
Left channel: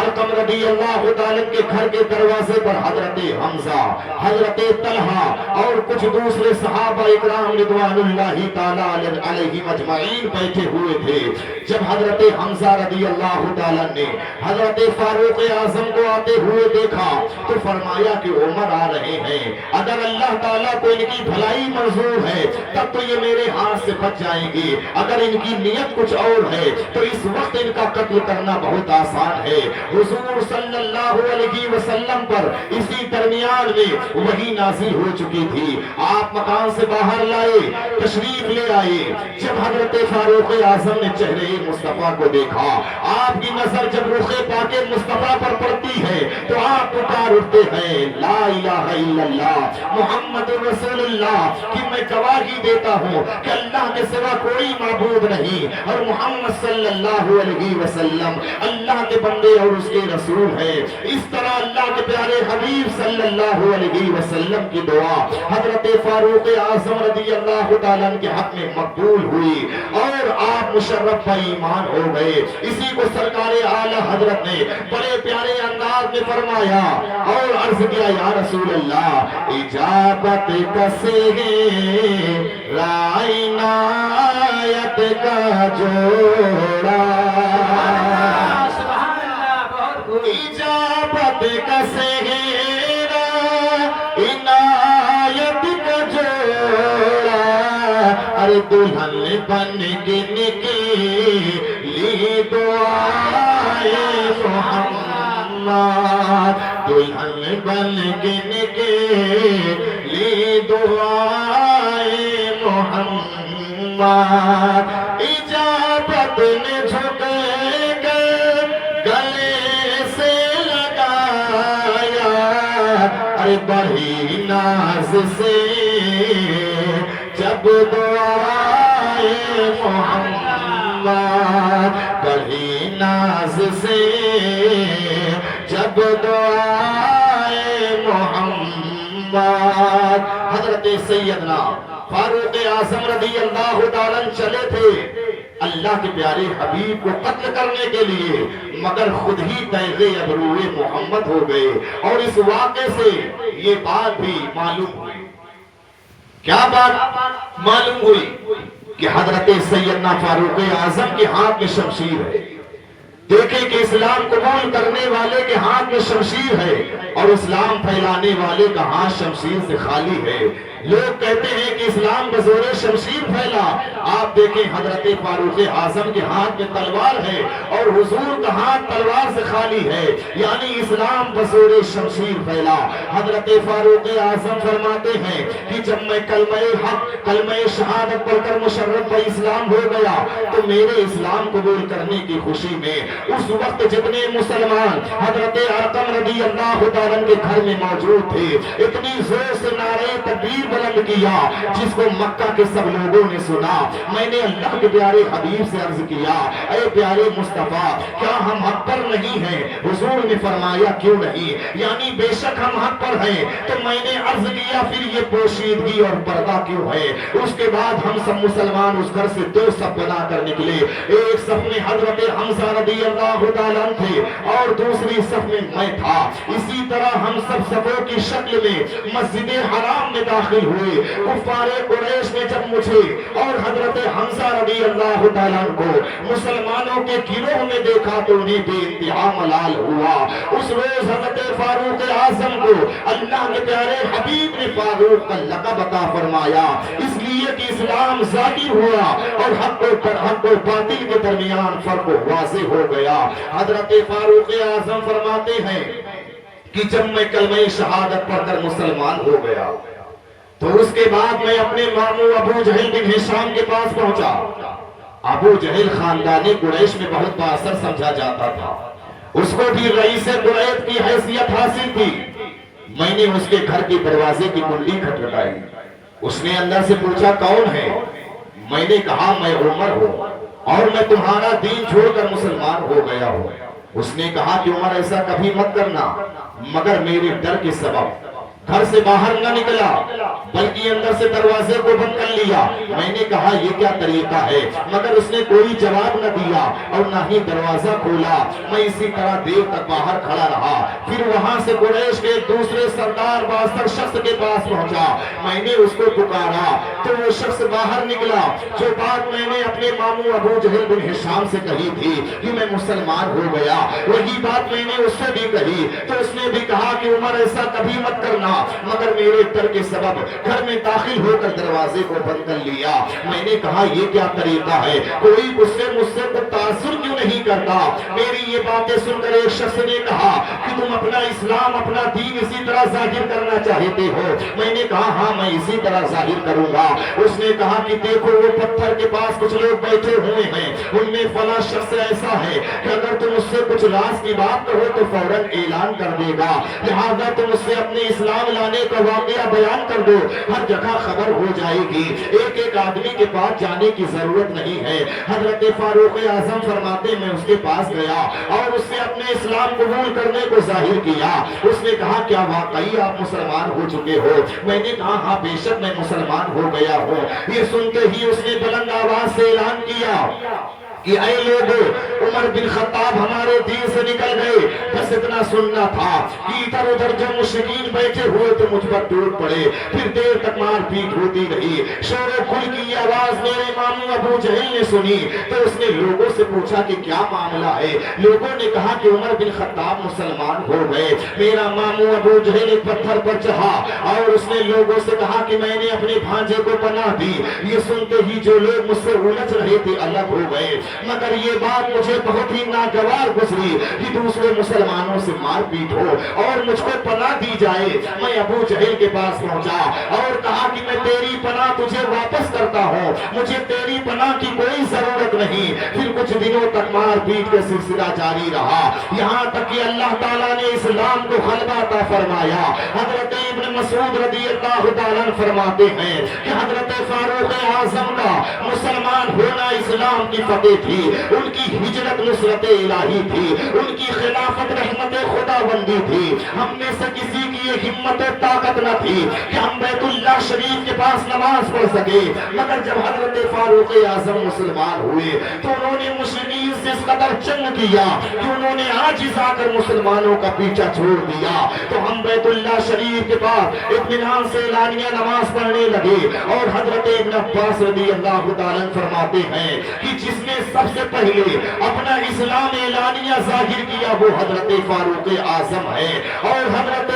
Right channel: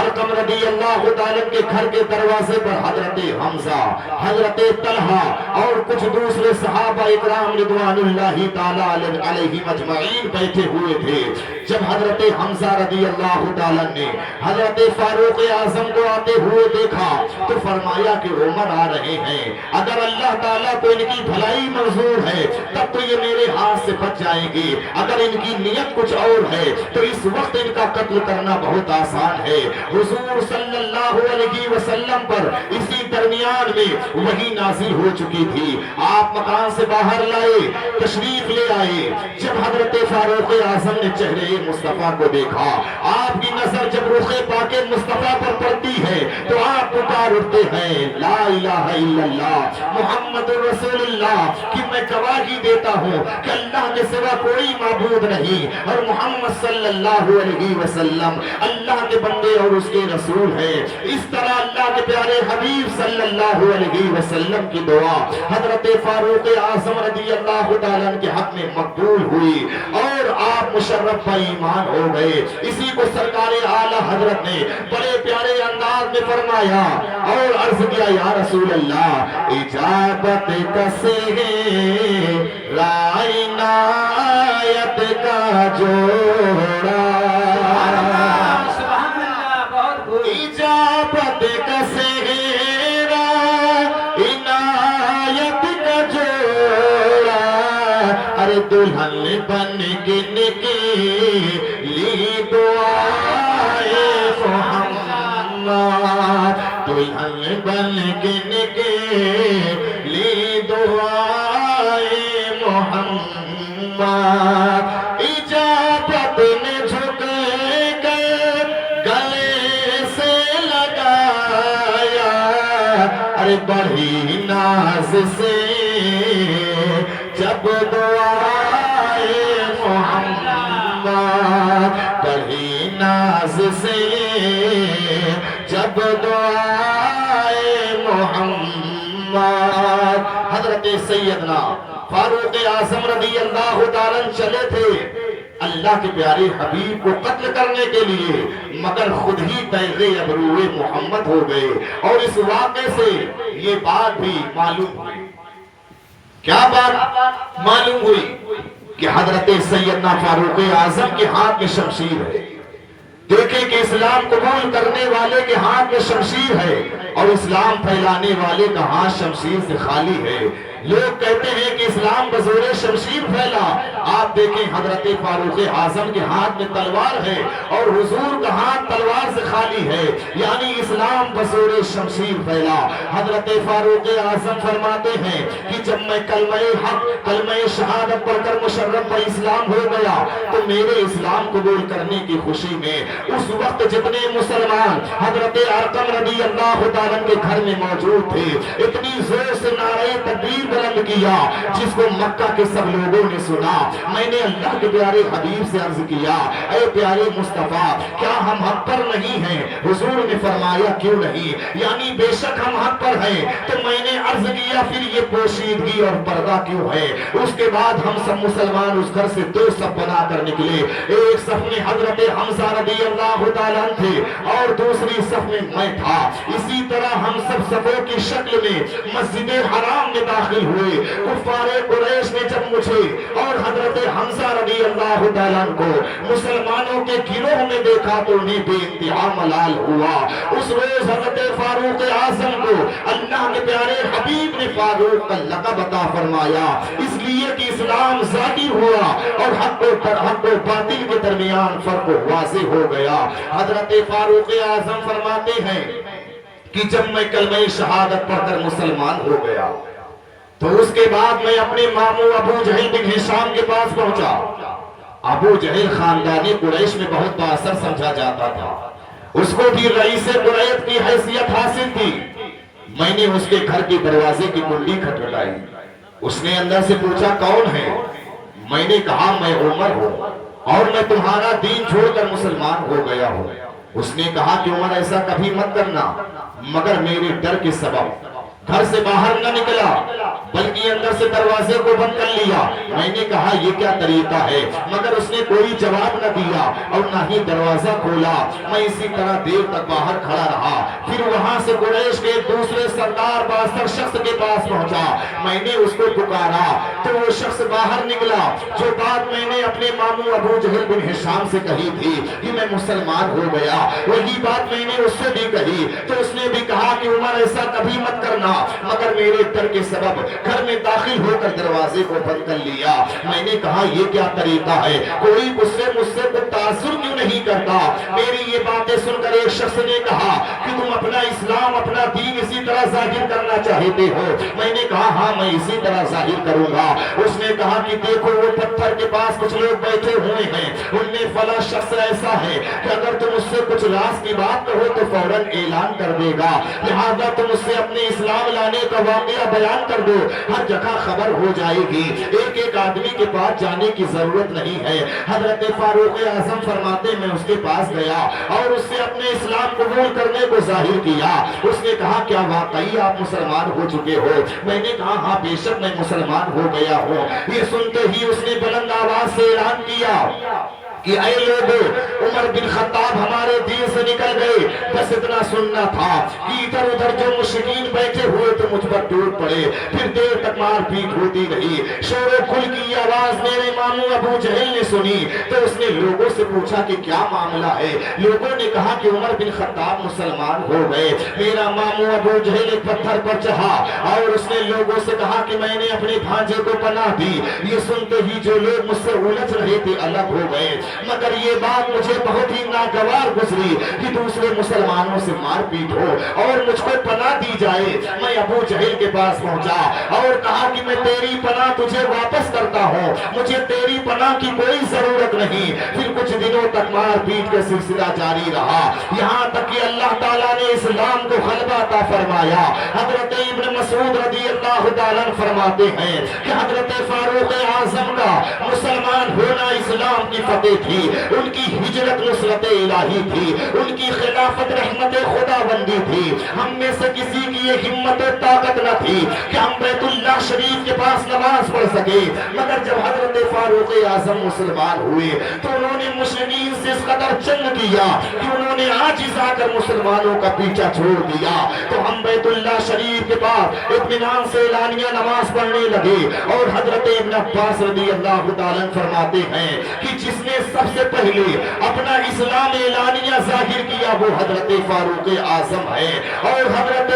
ارقم رضی اللہ تعالیٰ کے گھر کے دروازے پر حضرت حمزہ، حضرت طلحہ اور کچھ دوسرے صحابہ اکرام رضوان اللہ تعالیٰ علیہم اجمعین بیٹھے ہوئے تھے۔ جب حضرت حمزہ رضی اللہ تعالیٰ نے حضرت فاروق اعظم کو آتے ہوئے دیکھا تو فرمایا کہ عمر آ رہے ہیں، اگر اللہ تعالیٰ کو ان کی بھلائی منظور ہے تب تو یہ میرے ہاتھ سے بچ جائیں گے، اگر ان کی نیت کچھ اور ہے تو اس وقت ان کا قتل کرنا بہت آسان ہے۔ حضور صلی اللہ علیہ وسلم پر اسی درمیان میں وحی نازل ہو چکی تھی۔ آپ مکان سے باہر لائے، تشریف لے آئے۔ جب حضرت فاروق اعظم نے چہرے مصطفیٰ کو دیکھا، آپ کی نظر جب رخ پاک مصطفیٰ پر پڑتی ہے تو آپ پکار اٹھتے ہیں لا الہ الا اللہ محمد رسول اللہ کہ میں گواہی دیتا ہوں کہ اللہ کے سوا کوئی معبود نہیں اور محمد صلی اللہ علیہ وسلم اللہ کے بندے اور اس کے رسول ہیں۔ اس طرح اللہ کے پیارے حبیب صلی اللہ علیہ وسلم کی دعا حضرت فاروق اعظم رضی اللہ تعالیٰ کے حق میں مقبول ہوئی اور آپ مشرف پر ایمان ہو گئے۔ اسی کو سرکار اعلیٰ حضرت نے بڑے پیارے انداز میں فرمایا اور عرض کیا یا رسول اللہ اجابت کسے رائے عنایت کا جوڑا، اجابت کسے عنایت کا جوڑا، ارے دلہن بن کے نکلی دعائے محمد، دلہن بن کے نکلی دعائے محمد، اجابت نے جھک کر گلے سے لگایا، ارے بڑی ناز سے جب دعائے محمد، بڑی ناز سے جب دعائے محمد، حضرت سیدنا فاروق اعظم رضی اللہ تعالیٰ چلے تھے اللہ کے پیارے حبیب کو قتل کرنے کے لیے، مگر خود ہی تیغ ابروِ محمد ہو گئے۔ اور اس واقعے سے یہ بات بھی معلوم ہوئی، کیا بات معلوم ہوئی؟ کہ حضرت سیدنا فاروق اعظم کے ہاتھ میں شمشیر ہے۔ دیکھیں کہ اسلام قبول کرنے والے کے ہاتھ میں شمشیر ہے اور اسلام پھیلانے والے کا ہاتھ شمشیر سے خالی ہے۔ لوگ کہتے ہیں کہ اسلام بزور شمشیر پھیلا، آپ دیکھیں حضرت فاروق اعظم کے ہاتھ میں تلوار ہے اور حضور کا ہاتھ تلوار سے خالی ہے، یعنی اسلام بزور شمشیر پھیلا۔ حضرت فاروق اعظم فرماتے ہیں کہ جب میں کلمہ حق، کلمہ شہادت پڑھ کر مشرف اسلام ہو گیا تو میرے اسلام قبول کرنے کی خوشی میں اس وقت جتنے مسلمان حضرت ارقم رضی اللہ تعالیٰ کے گھر میں موجود تھے، اتنی زور سے نعرہ تکبیر بلند کیا جس کو مکہ کے سب لوگوں نے سنا۔ میں نے اللہ کے پیارے حبیب سے عرض کیا، اے پیارے مصطفیٰ کیا ہم حق پر نہیں ہیں؟ حضور نے فرمایا کیوں نہیں، یعنی بے شک ہم حق پر ہیں۔ تو میں نے عرض کیا پھر یہ پوشیدگی اور پردہ کیوں ہے؟ اس کے بعد ہم سب مسلمان اس گھر سے دو صف بنا کر نکلے، ایک صف میں حضرت حمزہ رضی اللہ تعالیٰ تھے اور دوسری صف میں میں تھا۔ اسی طرح ہم سب صفوں کی شکل میں مسجد حرام میں داخل ہوئے۔ کفار قریش نے جب مجھے اور حضرت حمزہ رضی اللہ تعالیٰ کو مسلمانوں کے گروہ میں دیکھا تو انہیں بے انتہا ملال ہوا۔ اس روز حضرت فاروق اعظم کو اللہ کے پیارے حبیب نے فاروق کا لقب عطا فرمایا، اس لیے کہ اسلام ظاہر ہوا اور حق و باطل کے درمیان فرق واضح ہو گیا۔ حضرت فاروق اعظم فرماتے ہیں کہ جب میں کلمہ شہادت پڑھ کر مسلمان ہو گیا تو اس کے بعد میں اپنے ماموں ابو جہل بن ہشام کے پاس پہنچا۔ ابو جہل خاندان قریش میں بہت بااثر سمجھا جاتا تھا، اس کو بھی رئیس قریش کی حیثیت حاصل تھی۔ میں نے اس کے گھر کے دروازے کی کنڈی کھٹکھٹائی، اس نے اندر سے پوچھا کون ہے؟ میں نے کہا میں عمر ہوں اور میں تمہارا دین چھوڑ کر مسلمان ہو گیا ہوں۔ اس نے کہا کہ عمر ایسا کبھی مت کرنا، مگر میرے ڈر کے سبب گھر سے باہر نہ نکلا بلکہ اندر سے دروازے کو بند کر لیا۔ میں نے کہا یہ کیا طریقہ ہے، مگر اس نے کوئی جواب نہ دیا اور نہ ہی دروازہ کھولا۔ میں اسی طرح دیر تک باہر کھڑا رہا، پھر وہاں سے قریش کے دوسرے سردار بااثر شخص کے پاس پہنچا۔ میں نے اس کو پکارا تو وہ شخص باہر نکلا۔ جو بات میں نے اپنے ماموں ابو جہل بن ہشام سے کہی تھی کہ میں مسلمان ہو گیا، وہی بات میں نے اس سے بھی کہی تو اس نے بھی کہا کہ عمر ایسا کبھی مت کرنا، مگر میرے ڈر کے سبب گھر میں داخل ہو کر دروازے کو بند کر لیا۔ میں نے کہا یہ کیا طریقہ ہے، کوئی مجھ سے تاثر کیوں نہیں کرتا؟ میری یہ باتیں سن کر ایک شخص نے کہا کہ تم اپنا اسلام اپنا دین اسی طرح ظاہر کرنا چاہتے ہو؟ میں نے کہا ہاں میں اسی طرح ظاہر کروں گا۔ اس نے کہا کہ دیکھو وہ پتھر کے پاس کچھ لوگ بیٹھے ہوئے ہیں، ان میں فلاں شخص ایسا ہے کہ اگر تم اس سے کچھ راز کی بات کہو تو فوراً اعلان کر دے گا، لہذا تم اس سے اپنے اسلام لانے کا واقعہ بیان کر دو، ہر جگہ خبر ہو جائے گی، ایک ایک آدمی کے پاس جانے کی ضرورت نہیں ہے۔ حضرت فاروق اعظم فرماتے میں اس کے پاس گیا اور اس سے اپنے اسلام قبول کرنے کو ظاہر کیا۔ اس نے کہا کیا واقعی آپ مسلمان ہو چکے ہو؟ میں نے کہا ہاں بے شک میں مسلمان ہو گیا ہوں۔ یہ سنتے ہی اس نے بلند آواز سے اعلان کیا کہ اے لوگو عمر بن خطاب ہمارے دین سے نکل گئے، بس اتنا سننا تھا کہ ادھر ادھر جو مشرکین بیٹھے ہوئے تو مجھ پر ٹوٹ پڑے، پھر دیر تک مار پیٹ ہوتی رہی۔ شور و کھل کی آواز میرے ماموں ابو جہل نے سنی تو اس نے لوگوں سے پوچھا کہ کیا معاملہ ہے؟ لوگوں نے کہا کہ عمر بن خطاب مسلمان ہو گئے۔ میرا ماموں ابو جہل ایک پتھر پر چڑھا اور اس نے لوگوں سے کہا کہ میں نے اپنے بھانجے کو پناہ دی۔ یہ سنتے ہی جو لوگ مجھ سے الجھ رہے تھے الگ ہو گئے، مگر یہ بات مجھے بہت ہی ناگوار گزری کہ دوسرے مسلمانوں سے مار پیٹ ہو اور مجھ کو پناہ دی جائے۔ میں ابو جہل کے پاس پہنچا اور کہا کہ میں تیری پناہ تجھے واپس کرتا ہوں، مجھے تیری پناہ کی کوئی ضرورت نہیں۔ پھر کچھ دنوں تک مار پیٹ کا سلسلہ جاری رہا، یہاں تک کہ اللہ تعالیٰ نے اسلام کو غلبہ عطا فرمایا۔ حضرت ابن مسعود رضی اللہ تعالیٰ فرماتے ہیں کہ حضرت فاروق اعظم کا مسلمان ہونا اسلام کی فتح تھی، ان کی ہجرت نصرت الہی تھی، ان کی خلافت رحمت خدا بندی تھی۔ ہم میں سے کسی کی یہ ہمت و طاقت نہ تھی کہ ہم بیت اللہ شریف کے پاس نماز پڑھ سکے، مگر جب حضرت فاروق اعظم مسلمان ہوئے تو انہوں نے مسلمین سے اس قدر جنگ کیا کہ انہوں نے عاجز آ کر مسلمانوں کا پیچھا چھوڑ دیا۔ تو ہم بیت اللہ شریف کے پاس اطمینان سے اعلانیہ نماز پڑھنے لگے، اور حضرت ابن عباس رضی اللہ تعالیٰ فرماتے ہیں کہ جس نے سب سے پہلے اپنا اسلام اعلانیہ ظاہر کیا وہ حضرت فاروق اعظم ہے۔ اور حضرت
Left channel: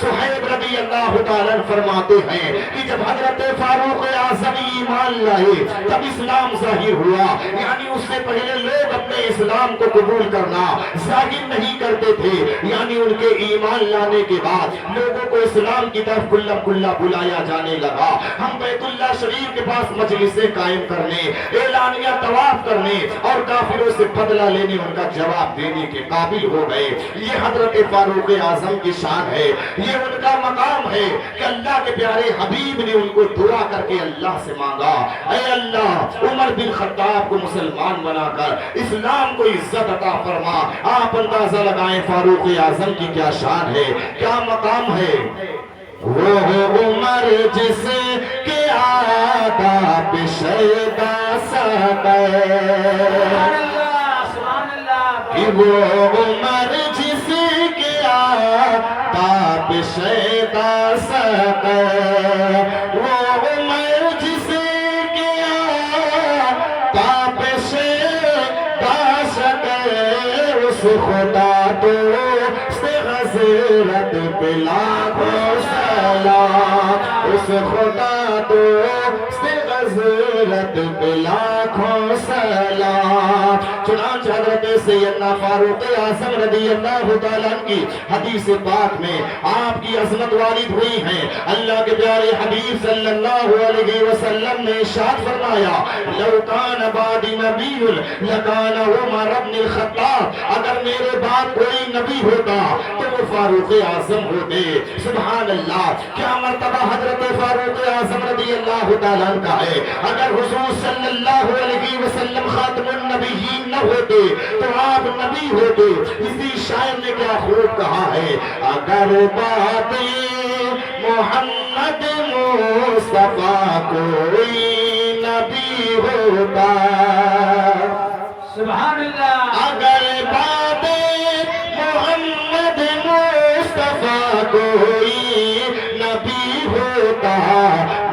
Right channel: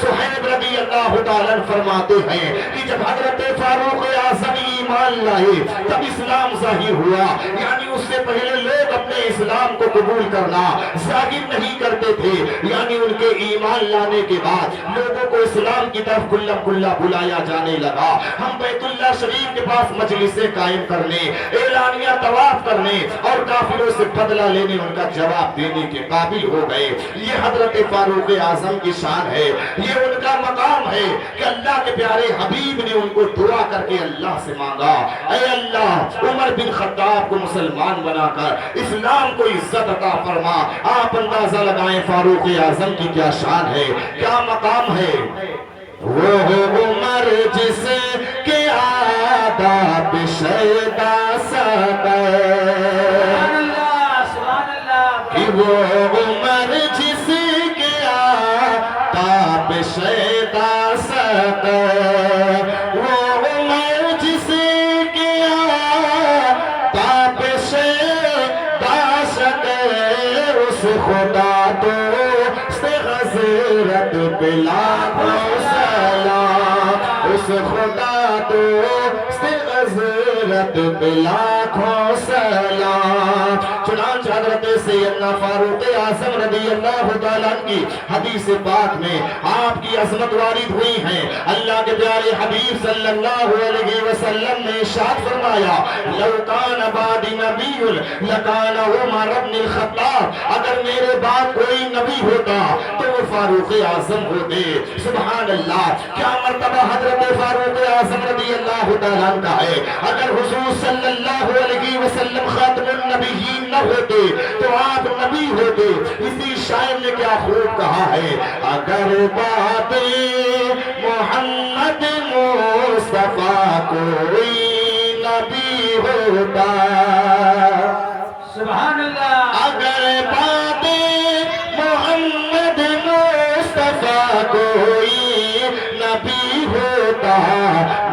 صہیب رضی اللہ تعالیٰ فرماتے ہیں کہ جب حضرت فاروق اعظم ایمان لائے تب اسلام ظاہر ہوا، یعنی اس سے پہلے لوگ اپنے اسلام کو قبول کرنا ظاہر نہیں کرتے تھے، یعنی ان کے ایمان لانے کے بعد لوگوں کو اسلام کی طرف کلہ کلہ بلایا جانے لگا۔ ہم بیت اللہ شریف کے پاس مجلسیں قائم کرنے، اعلانیہ طواف کرنے اور کافروں سے بدلہ لینے، ان کا جواب دینے کے قابل ہو گئے۔ یہ حضرت فاروق اعظم کی شان ہے، یہ ان کا مقام ہے کہ اللہ کے پیارے حبیب نے ان کو دعا کر کے اللہ سے مانگا، اے اللہ عمر بن خطاب کو مسلمان بنا کر اسلام کو عزت عطا فرما۔ آپ اندازہ لگائیں فاروق اعظم کی کیا شان ہے، کیا مقام ہے۔ وہ عمر جس کے آداب شیدا سقے، کہ وہ عمر جس کے آداب شیدا سقے، وہ عمر جس کے آداب شیدا سقے، اس خدا تو غزرت بلاکھوں سلام، اس خدا تو غزرت بلاکھوں سلام۔ چنانچہ حضرت سیدنا فاروق اعظم رضی اللہ تعالیٰ کی حدیث پاک میں آپ کی عظمت وارد ہوئی ہیں۔ اللہ کے پیارے حبیب صلی اللہ علیہ وسلم نے ارشاد فرمایا، لو کان بعدی نبی لکان عمر بن الخطاب، اگر میرے بعد کوئی نبی ہوتا تو وہ فاروق اعظم ہوتے۔ سبحان اللہ، کیا مرتبہ حضرت فاروق اعظم رضی اللہ تعالیٰ کا ہے۔ اگر حضور صلی اللہ علیہ وسلم خاتم النبیین نہ ہوتے تو آپ نبی ہوتے۔ اسی شاعر نے کیا خوب کہا ہے، اگر بات محمد مصطفیٰ کوئی نبی ہوتا، سبحان اللہ، اگر بات محمد مصطفیٰ کوئی نبی ہوتا،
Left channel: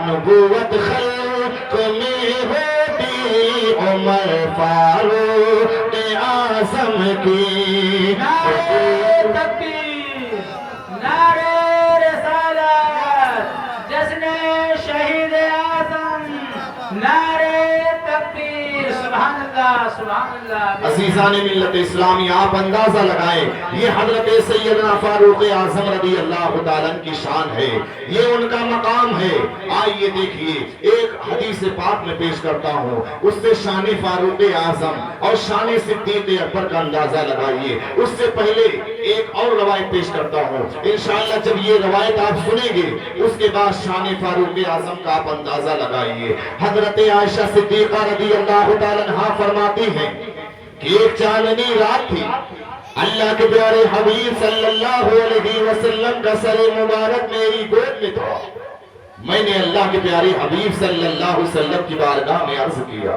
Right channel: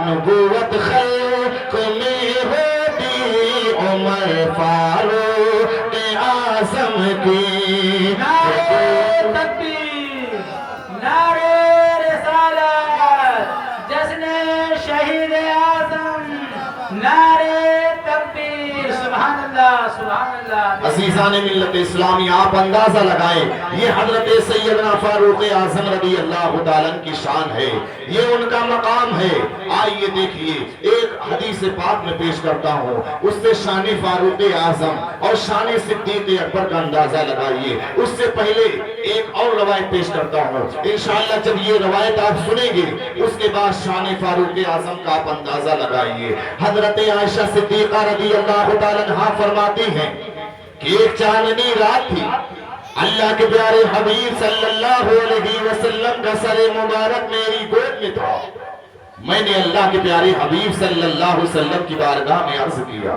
نبوت خلق میں ہوتی عمر فاروق اعظم کی۔ نعرے تکبیر، نعرے رسالت، جشن شہید اعظم، نعرے تکبیر، سبحان اللہ، سبحان اللہ۔ عزیزان ملت اسلامی، آپ اندازہ لگائیں یہ حضرت سیدنا فاروق اعظم رضی اللہ تعالیٰ کی شان ہے، یہ ان کا مقام ہے۔ آئیے دیکھیے، ایک حدیث پاک میں پیش کرتا ہوں، اس سے شان فاروق اعظم اور شان صدیق اکبر کا اندازہ لگائیے۔ اس سے پہلے ایک اور روایت پیش کرتا ہوں، انشاءاللہ جب یہ روایت آپ سنیں گے اس کے بعد شان فاروق اعظم کا آپ اندازہ لگائیے۔ حضرت عائشہ صدیقہ رضی اللہ تعالیٰ عنہا فرماتی ہیں کہ ایک چاندنی رات تھی، اللہ کے پیارے حبیب صلی اللہ علیہ وسلم کا سر مبارک میری گود میں تھا۔ میں نے اللہ کے پیارے حبیب صلی اللہ علیہ وسلم کی بارگاہ میں عرض کیا،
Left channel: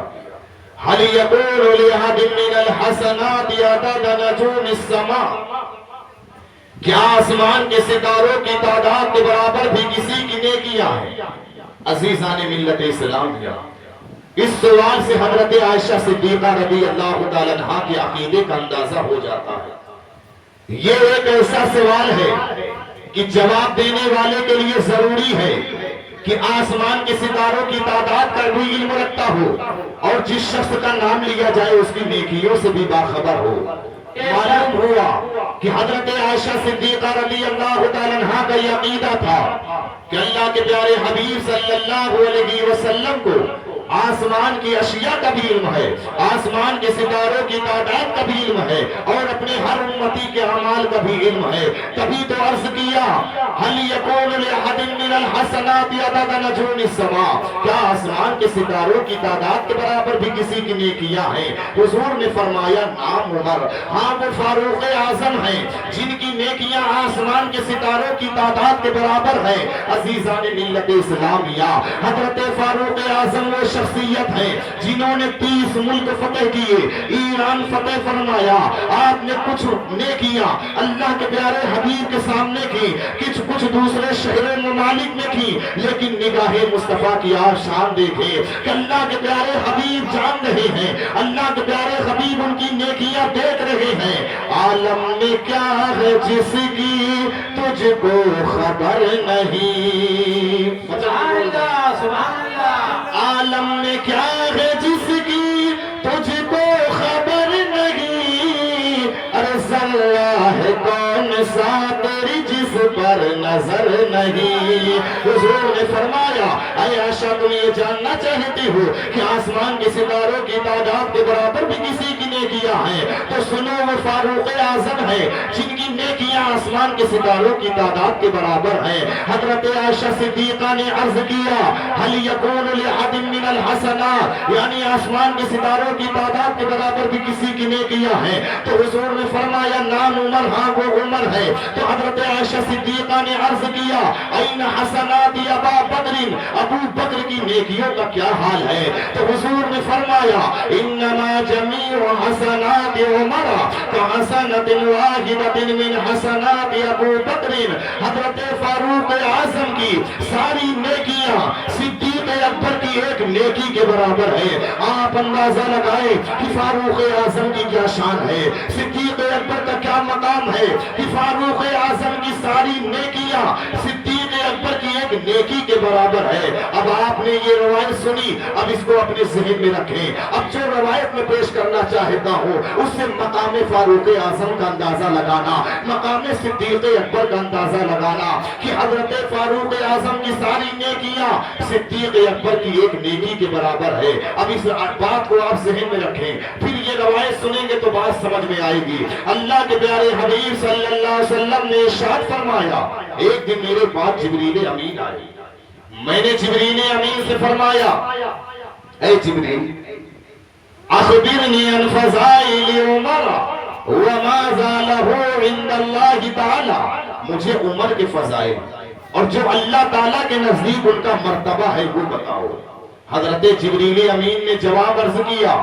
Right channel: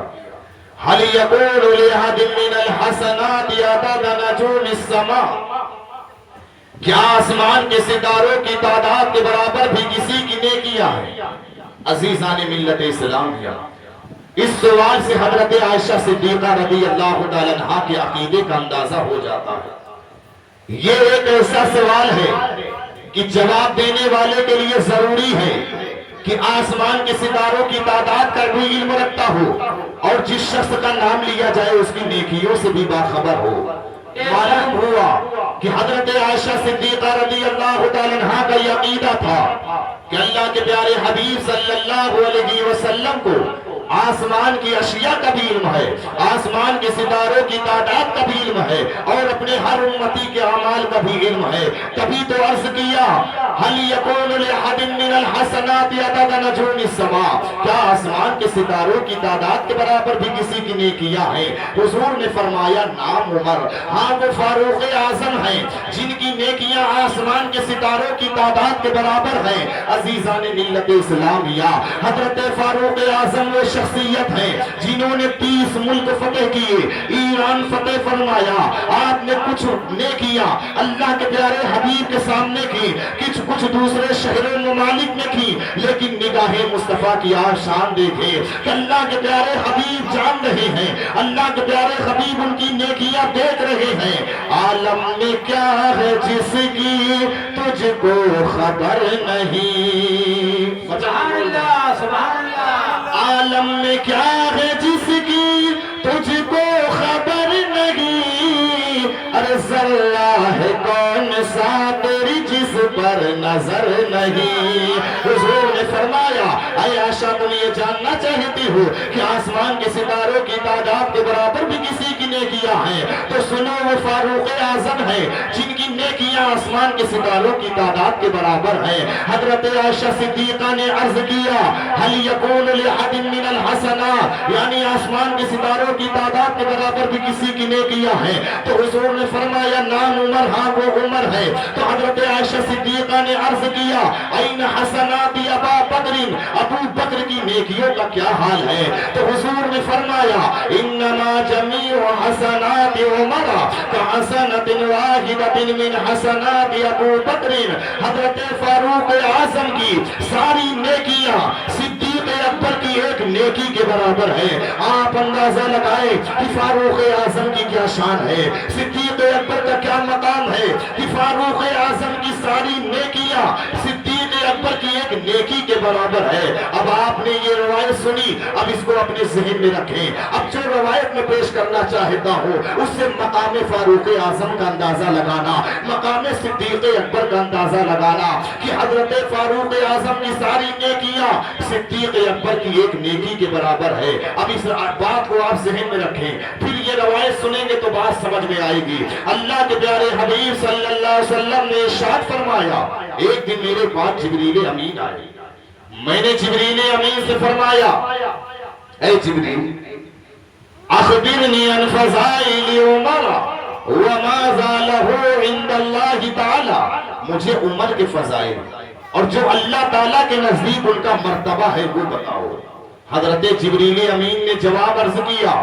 هل يقول لأحد من الحسنات عدد نجوم السماء، کیا آسمان کے ستاروں کی تعداد کے برابر بھی کسی کی نیکیاں ہیں؟ عزیزان ملت اسلامیہ، اس سوال سے حضرت عائشہ صدیقہ رضی اللہ تعالیٰ عنہا کے عقیدے کا اندازہ ہو جاتا ہے۔ یہ ایک ایسا سوال ہے کہ جواب دینے والے کے لیے ضروری ہے کہ آسمان کے ستاروں کی تعداد کا بھی علم رکھتا ہو اور جس شخص کا نام لیا جائے اس کی نیکیوں سے بھی باخبر ہو۔ معلوم ہوا کہ حضرت عائشہ صدیقہ رضی اللہ تعالیٰ عنہا کا یہ عقیدہ تھا کہ اللہ کے پیارے حبیب صلی اللہ علیہ وسلم کو آسمان کی اشیاء کا بھی علم ہے، آسمان کے ستاروں کی تعداد کا بھی علم ہے، اور اپنے ہر امتی کے اعمال کا بھی علم ہے۔ تبھی تو عرض کیا هل يكون لأحد من الحسنات عدد نجوم السماء، کیا آسمان کے ستاروں کی تعداد کے برابر بھی کسی کی نیکیاں ہیں؟ حضور نے فرمایا نام عمر، ہاں وہ فاروق اعظم ہیں جن کی نیکیاں آسمان کے ستاروں کی تعداد کے برابر ہیں۔ عزیزان ملت اسلامیہ، حضرت فاروق اعظم وہ شخصیت ہیں جنہوں نے 30 ملک فتح کیے، ایران فتح فرمایا۔ آپ نے کچھ نیکیاں اللہ کے پیارے حبیب کے سامنے کی، کچھ دوسرے شہروں ممالک میں کی، لیکن نگاہ مصطفیٰ کی آپ شان دیکھیں کہ اللہ کے پیارے حبیب جان رہے ہیں، اللہ کے پیارے حبیب ان کی نیکیاں دیکھ رہے ہیں۔ عالم میں کیا ہے جس کی تجھ کو خبر نہیں، سبحان اللہ سبحان اللہ، عالم میں کیا ہے جس کی تجھ کو خبر نہیں، ارے ذرہ ہے کون سا تیری جس پر نظر نہیں۔ حضور نے فرمایا اے عائشہ تم یہ جاننا چاہتی ہو کہ آسمان کے ستاروں کی تعداد کے برابر بھی کسی کی نیکیاں ہیں؟ تو سنو وہ فاروق اعظم ہے جن کی نیکیاں آسمان کے ستاروں کی تعداد کے برابر ہیں۔ حضرت عائشہ صدیقہ نے عرض کیا هل يكون لأحد من الحسنات، یعنی آسمان کے ستاروں کی تعداد کے برابر بھی کسی کی نیکیاں ہیں؟ تو حضور نے فرمایا نام عمر، ہاں وہ عمر ہے۔ تو حضرت عائشہ صدیقہ نے عرض کیا این حسنات ابا بکر، ابو بکر کی نیکیوں کا کیا حال ہے؟ تو حضور نے فرمایا انما جمیع حسنات عمر کحسنۃ واحدۃ من حسنات ابو بکر، حضرت فاروق اعظم کی ساری نیکیاں صدیق اکبر کی ایک نیکی کے برابر ہے۔ آپ اندازہ لگائیں کہ فاروق اعظم کی کیا شان ہے، صدیق اکبر کا کیا مقام ہے کہ فاروق اعظم کی ساری نیکیاں صدیق اکبر کی ایک نیکی کے برابر ہے۔ اب آپ نے یہ روایت سنی، اب اس کو اپنے ذہن میں رکھیں۔ اب جو روایت میں پیش کرنا چاہتا ہوں اس سے مقام فاروق اعظم کا اندازہ لگانا، مقام صدیق اکبر کا اندازہ لگانا کہ حضرت فاروق اعظم کی ساری نیکیاں صدیق اکبر کی ایک نیکی کے برابر ہے۔ اب اس بات کو آپ ذہن میں رکھیں، پھر یہ روایت سنیں گے تو بات سمجھ میں آئے گی۔ اللہ کے پیارے حبیب صلی اللہ علیہ وسلم نے ارشاد فرمایا ایک دن میرے پاس جبریل امین آئے، میں نے جبریل امین سے فرمایا اے جبریل اخبرنی عن فضائل عمر وما له عند اللہ تعالی، مجھے عمر کے فضائل اور جو اللہ تعالیٰ کے نزدیک ان کا مرتبہ ہے وہ بتاؤ۔ حضرت جبریل امین نے جواب عرض کیا،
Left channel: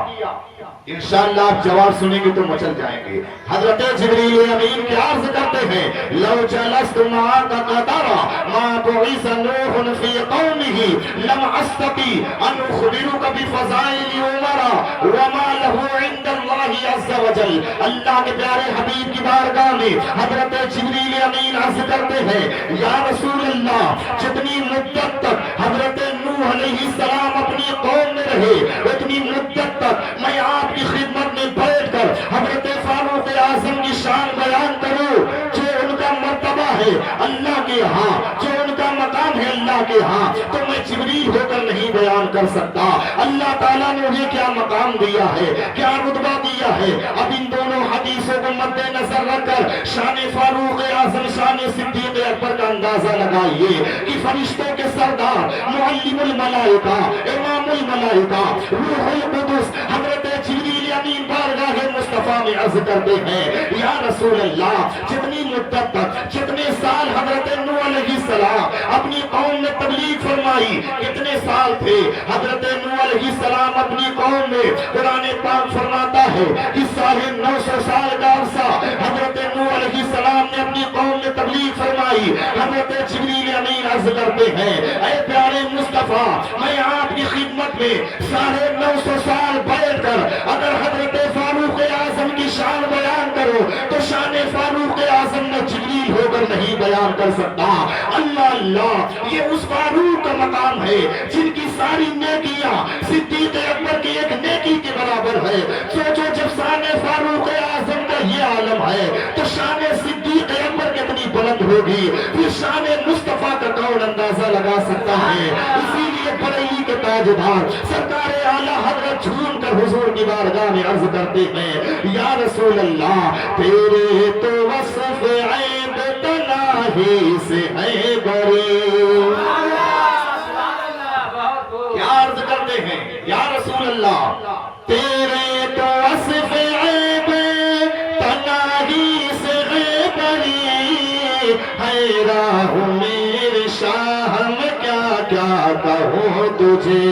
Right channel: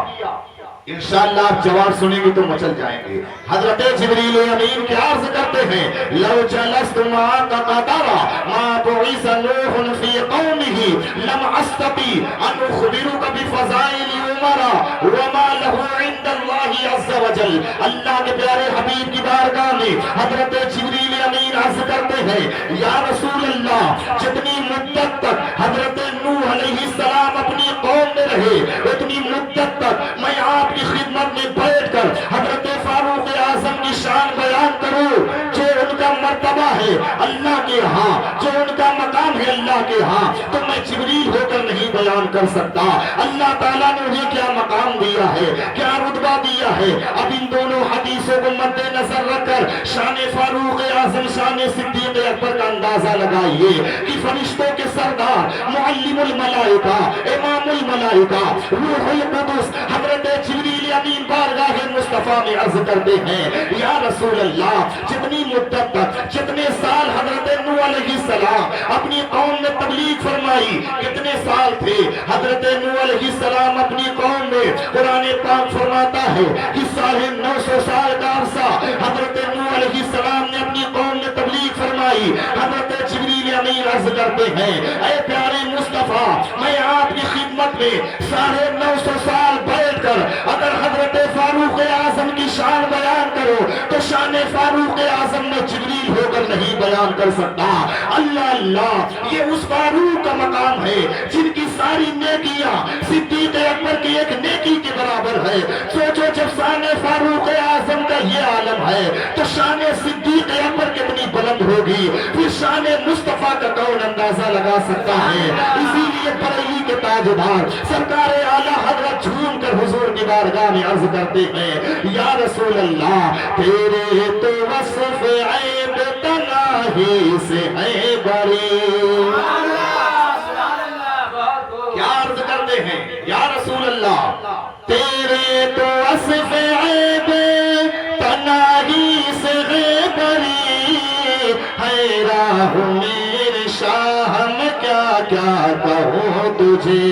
انشاءاللہ آپ جواب سنیں گے تو مچل جائیں گے۔ حضرت جبریل امین کیا عرض کرتے ہیں لو جلست معاک قدرا ما بعث نوح فی قومه لم استطیع ان اخبرک بفضائل عمر وما له عند اللہ عز وجل۔ اللہ کے پیارے حبیب کی بارگاہ میں حضرت جبریل امین عرض کرتے ہیں یا رسول اللہ جتنی مدت تک حضرت نوح علیہ السلام اپنی قوم میں رہے اتنی مدت تک میں آپ کی خدمت میں بیٹھ کر حضرت فاروق اعظم کی شان بیان کروں، جو ان کا مرتبہ ہے اللہ کے ہاں، جو ان کا مقام ہے اللہ کے ہاں، تو میں جبریل ہو کر نہیں بیان کر سکتا۔ اللہ تعالیٰ نے انہیں کیا مقام دیا ہے، کیا رتبہ دیا ہے۔ اب ان دونوں حدیثوں کو مد نظر رکھ کر شان فاروق اعظم شان صدیق اکبر کا اندازہ لگائیے کہ فرشتوں کے سردار معلم الملائکہ امام الملائکہ روح القدس حضرت جبریل امین بارگاہ مصطفیٰ میں عرض کرتے ہیں یا رسول اللہ جتنی مدت تک جتنے سال حضرت نوح علیہ السلام اپنی قوم میں تبلیغ فرمائی، کتنے سال تھے حضرت نوح علیہ السلام اپنی قوم میں؟ قرآن پاک فرماتا ہے کہ 950 سال کا عرصہ حضرت نوح علیہ السلام نے اپنی قوم میں تبلیغ فرمائی۔ حضرت جبریل امین عرض کرتے ہیں اے پیارے مصطفیٰ میں آپ کی خدمت میں 950 سال بیٹھ کر اگر حضرت فاروق اعظم کی شان بیان کرو تو شان فاروق اعظم میں جبریل ہو کر نہیں بیان کر سکتا۔ اللہ اللہ، یہ اس فاروق کا مقام ہے جن کی ساری نیکیاں صدیق اکبر کی ایک نیکی کے برابر ہے۔ سوچو جب شان فاروق اعظم کا یہ عالم ہے تو شان صدیق اکبر کتنی بلند ہوگی، پھر شان مصطفیٰ کا کون کون اندازہ لگا سکتا ہے؟ اسی لیے بریلی کے تاجدار سرکار اعلیٰ حضرت جھوم کر حضور کی بارگاہ میں عرض کرتے ہیں یا رسول اللہ تیرے تو وصف عیب تناہی سے ہے بری. کیا عرض کرتے ہیں یا رسول اللہ تیرے تو وصف عیب تناہی سے ہے بری. ہے راہ میرے شاہ میں کیا کیا کہوں تجھے.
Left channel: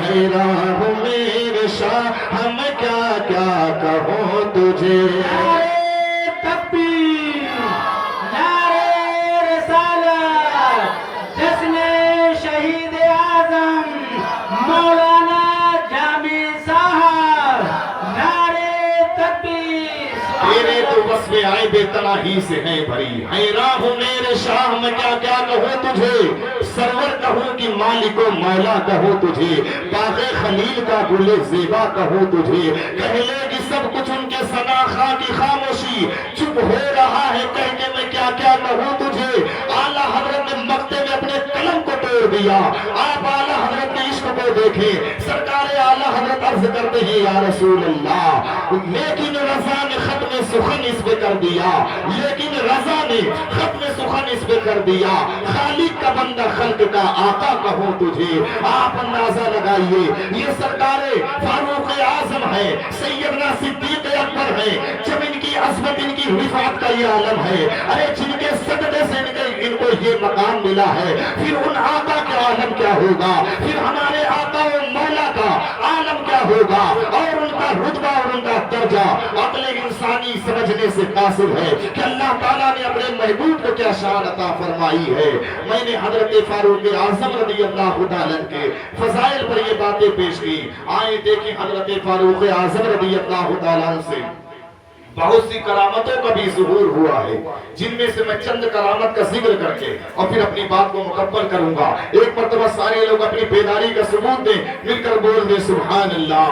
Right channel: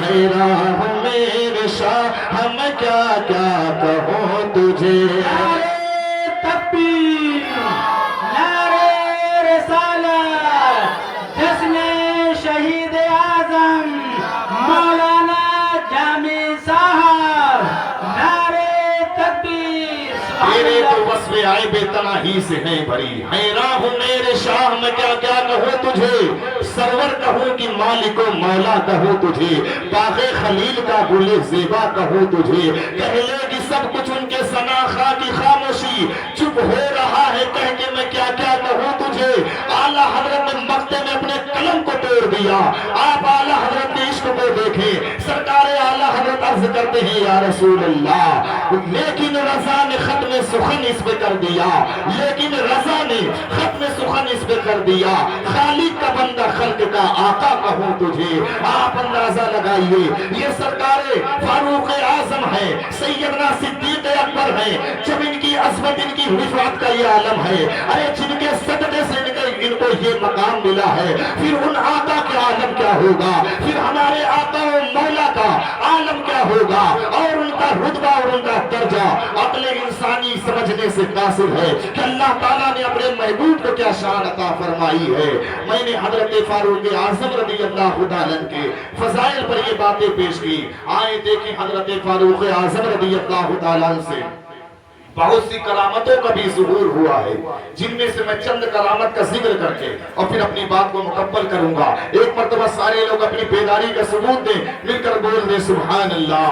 ہے راہ میرے شاہ میں کیا کیا کہوں تجھے. نعرے تکبیر، نعرے رسالت، جشن شہید اعظم مولانا جامی صاحب. نعرے تکبیر. تیرے تو وصف عیب تناہی سے ہے بھری. ہے راہ میرے شاہ میں کیا کیا کہوں تجھے. سرور کہوں کہ مالک و مولا کہوں تجھے. باغ خلیل کا گل زیبا کہوں تجھے. کہہ لے گی سب کچھ ان کے ثنا خواہ کی خاموشی. چپ ہو رہا ہے کہہ کے میں کیا کیا کہوں تجھے. اعلیٰ حضرت نے مقتے میں اپنے قلم کو توڑ دیا. آپ اعلیٰ حضرت کے عشق کو دیکھیں. سرکار اعلیٰ حضرت عرض کرتے ہیں یا رسول اللہ لیکن رضا نے ختم سخن اس پہ کر دیا. لیکن رضا نے ختم سخن اس پہ کر دیا. خالق کا بندہ خلق کا آقا کہوں تجھے. آپ اندازہ لگائیے یہ سرکار فاروق اعظم ہے, سیدنا صدیق اکبر ہے. جب ان کی عظمت ان کی رفعت کا یہ عالم ہے. ارے جن کے صدقے سے ان کو یہ مقام ملا ہے, پھر ان آقا کا عالم کیا ہوگا. پھر ہمارے آقا و مولا کا عالم کیا ہوگا. اور ان کا رتبہ اور ان کا درجہ عقل انسانی سمجھنے سے قاصر ہے کہ اللہ تعالیٰ نے اپنے محبوب کو کیا شان عطا فرمائی ہے. میں نے حضرت فاروق اعظم رضی اللہ تعالیٰ کے فضائل پر یہ باتیں پیش کی. آئے دیکھیں حضرت فاروق اعظم رضی اللہ تعالیٰ سے بہت سی کرامتوں کا بھی ظہور ہوا ہے, جن میں سے میں چند کرامت کا ذکر کر کے اور پھر اپنی بات کو مکمل کروں گا. ایک مرتبہ سارے لوگ اپنی بیداری کا ثبوت دیں, مل کر بول دیں سبحان اللہ.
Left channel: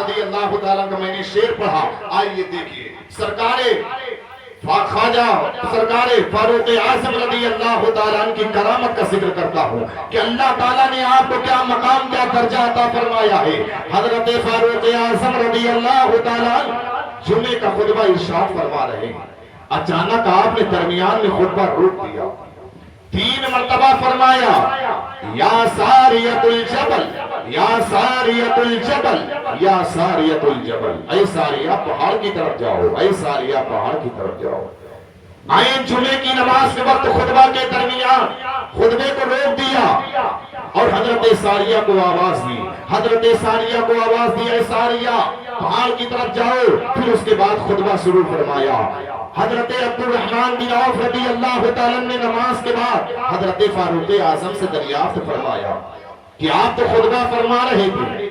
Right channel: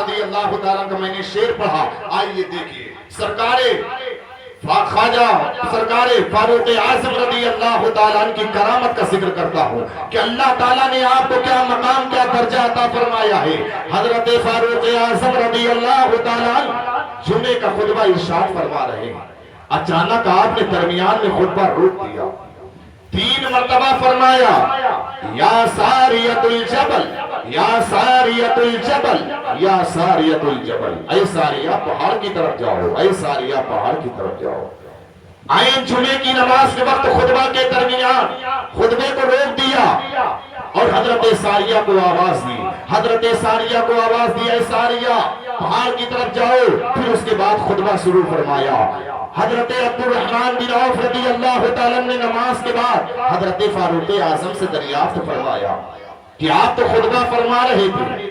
رضی اللہ تعالیٰ کا میں نے شعر پڑھا. آئیے دیکھیے سرکار خواجہ سرکار فاروق اعظم رضی اللہ تعالیٰ کی کرامت کا ذکر کرتا ہوں کہ اللہ تعالیٰ نے آپ کو کیا مقام کیا درجہ عطا فرمایا ہے. حضرت فاروق اعظم رضی اللہ تعالیٰ جمعے کا خطبہ ارشاد فرما رہے ہیں. اچانک آپ نے درمیان میں خطبہ روک دیا. 3 مرتبہ فرمایا یا ساریت الجبل یا ساریت الجبل یا ساریت الجبل. اے ساریہ پہاڑ کی طرف جاؤ, اے ساریہ پہاڑ کی طرف جاؤ. آئین جمعے کی نماز کے وقت خطبہ کے درمیان خطبے کو روک دیا اور حضرت ساریہ کو آواز دی. حضرت ساریہ کو آواز دی اے ساریہ پہاڑ کی طرف جاؤ. پھر اس کے بعد خطبہ شروع فرمایا. حضرت عبد الرحمن بن عوف رضی اللہ تعالیٰ نے نماز کے بعد حضرت فاروق اعظم سے دریافت فرمایا کہ آپ تو خطبہ فرما رہے تھے,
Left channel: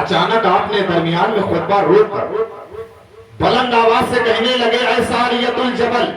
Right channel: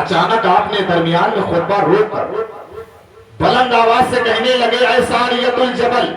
اچانک آپ نے درمیان میں خطبہ روک کر بلند آواز سے کہنے لگے اے ساریت الجبل,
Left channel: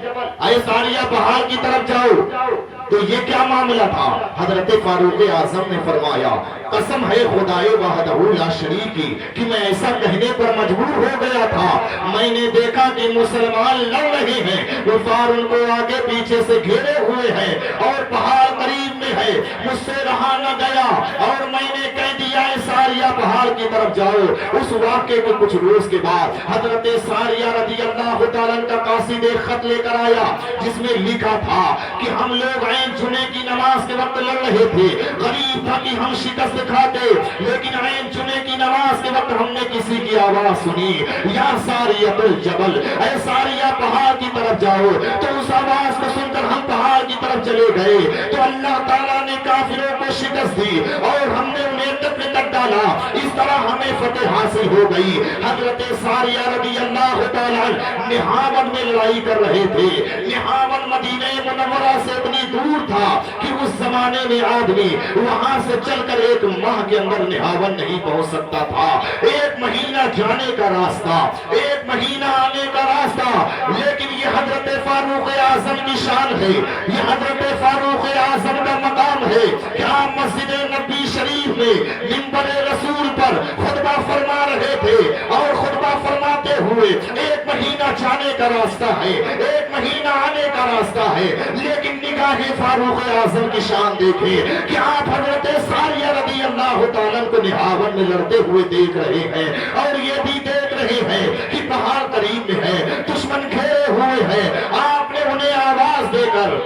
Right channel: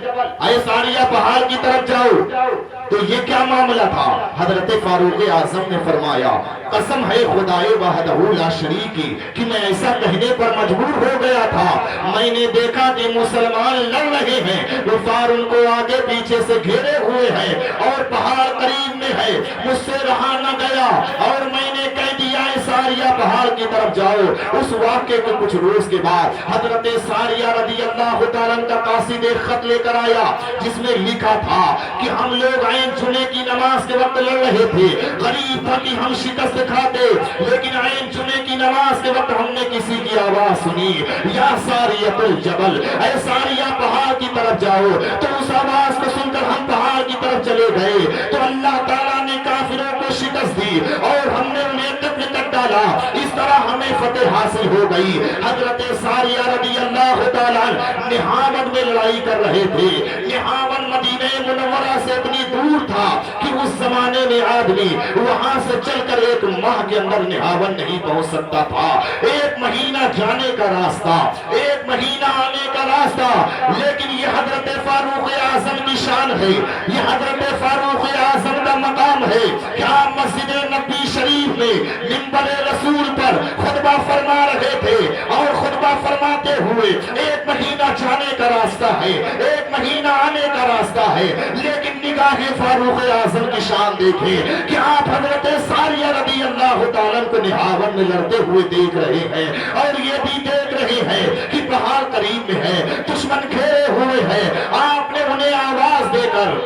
اے ساریہ پہاڑ کی طرف جاؤ, تو یہ کیا معاملہ تھا. حضرت فاروق اعظم نے فرمایا قسم ہے خدائے وحدہ لا شریک کی کہ میں ایسا کہنے پر مجبور ہو گیا تھا. میں نے دیکھا کہ مسلمان لڑ رہے ہیں, کفار ان کو آگے پیچھے سے گھیرے ہوئے ہیں اور پہاڑ قریب میں ہے. مجھ سے رہا نہ گیا اور میں نے کہہ دیا اے ساریہ پہاڑ کی طرف جاؤ. اس واقعے کے کچھ روز کے بعد حضرت ساریہ رضی اللہ تعالیٰ کا قاصد ایک خط لے کر آیا جس میں لکھا تھا کہ ہم لوگ عین جمعے کی نماز کے وقت لڑ رہے تھے. غریب تھا کہ ہم شکست کھاتے, لیکن عین جمعے کی نماز کے وقت ہم نے کسی کی آواز سنی یا ساریت الجبل, اے ساریہ پہاڑ کی طرف جاؤ. تو اس آواز کو سن کر ہم پہاڑ کی طرف چلے گئے تو اللہ تعالیٰ نے کافروں کو شکست دی اور ہم نے انہیں قتل کر ڈالا. اس طرح ہمیں فتح حاصل ہو گئی. حضرت ساریہ رضی اللہ تعالیٰ نہاون میں لڑائی کر رہے تھے. نہاون مدینہ منورہ سے اتنی دور تھا کہ اس زمانے میں آدمی وہاں سے چل کر ایک ماہ کے اندر نہاون نہیں پہنچ سکتا تھا. 1 مہینہ جانے کا راستہ, 1 مہینہ آنے کا راستہ. لیکن یہ حضرت فاروق اعظم کی شان ہے, یہ حضرت فاروق اعظم کا مقام ہے. کیا مسجد نبی شریف میں منبر رسول پر خطبہ فرما رہے تھے اور خطبہ فرماتے ہوئے 1 مہینہ جانے کا راستہ ہے, 1 مہینہ آنے کا راستہ راستہ ہے، لیکن نگاہ فاروق اعظم کی شان دیکھیں کہ آپ حضرت ساریہ رضی اللہ تعالیٰ کو نہاون میں لڑتے ہوئے دیکھ رہے ہیں، اور یہ بھی دیکھ رہے ہیں کہ پہاڑ قریب میں ہے، دشمن گھیرے ہوئے ہیں۔ آپ نے انہیں آواز دے کر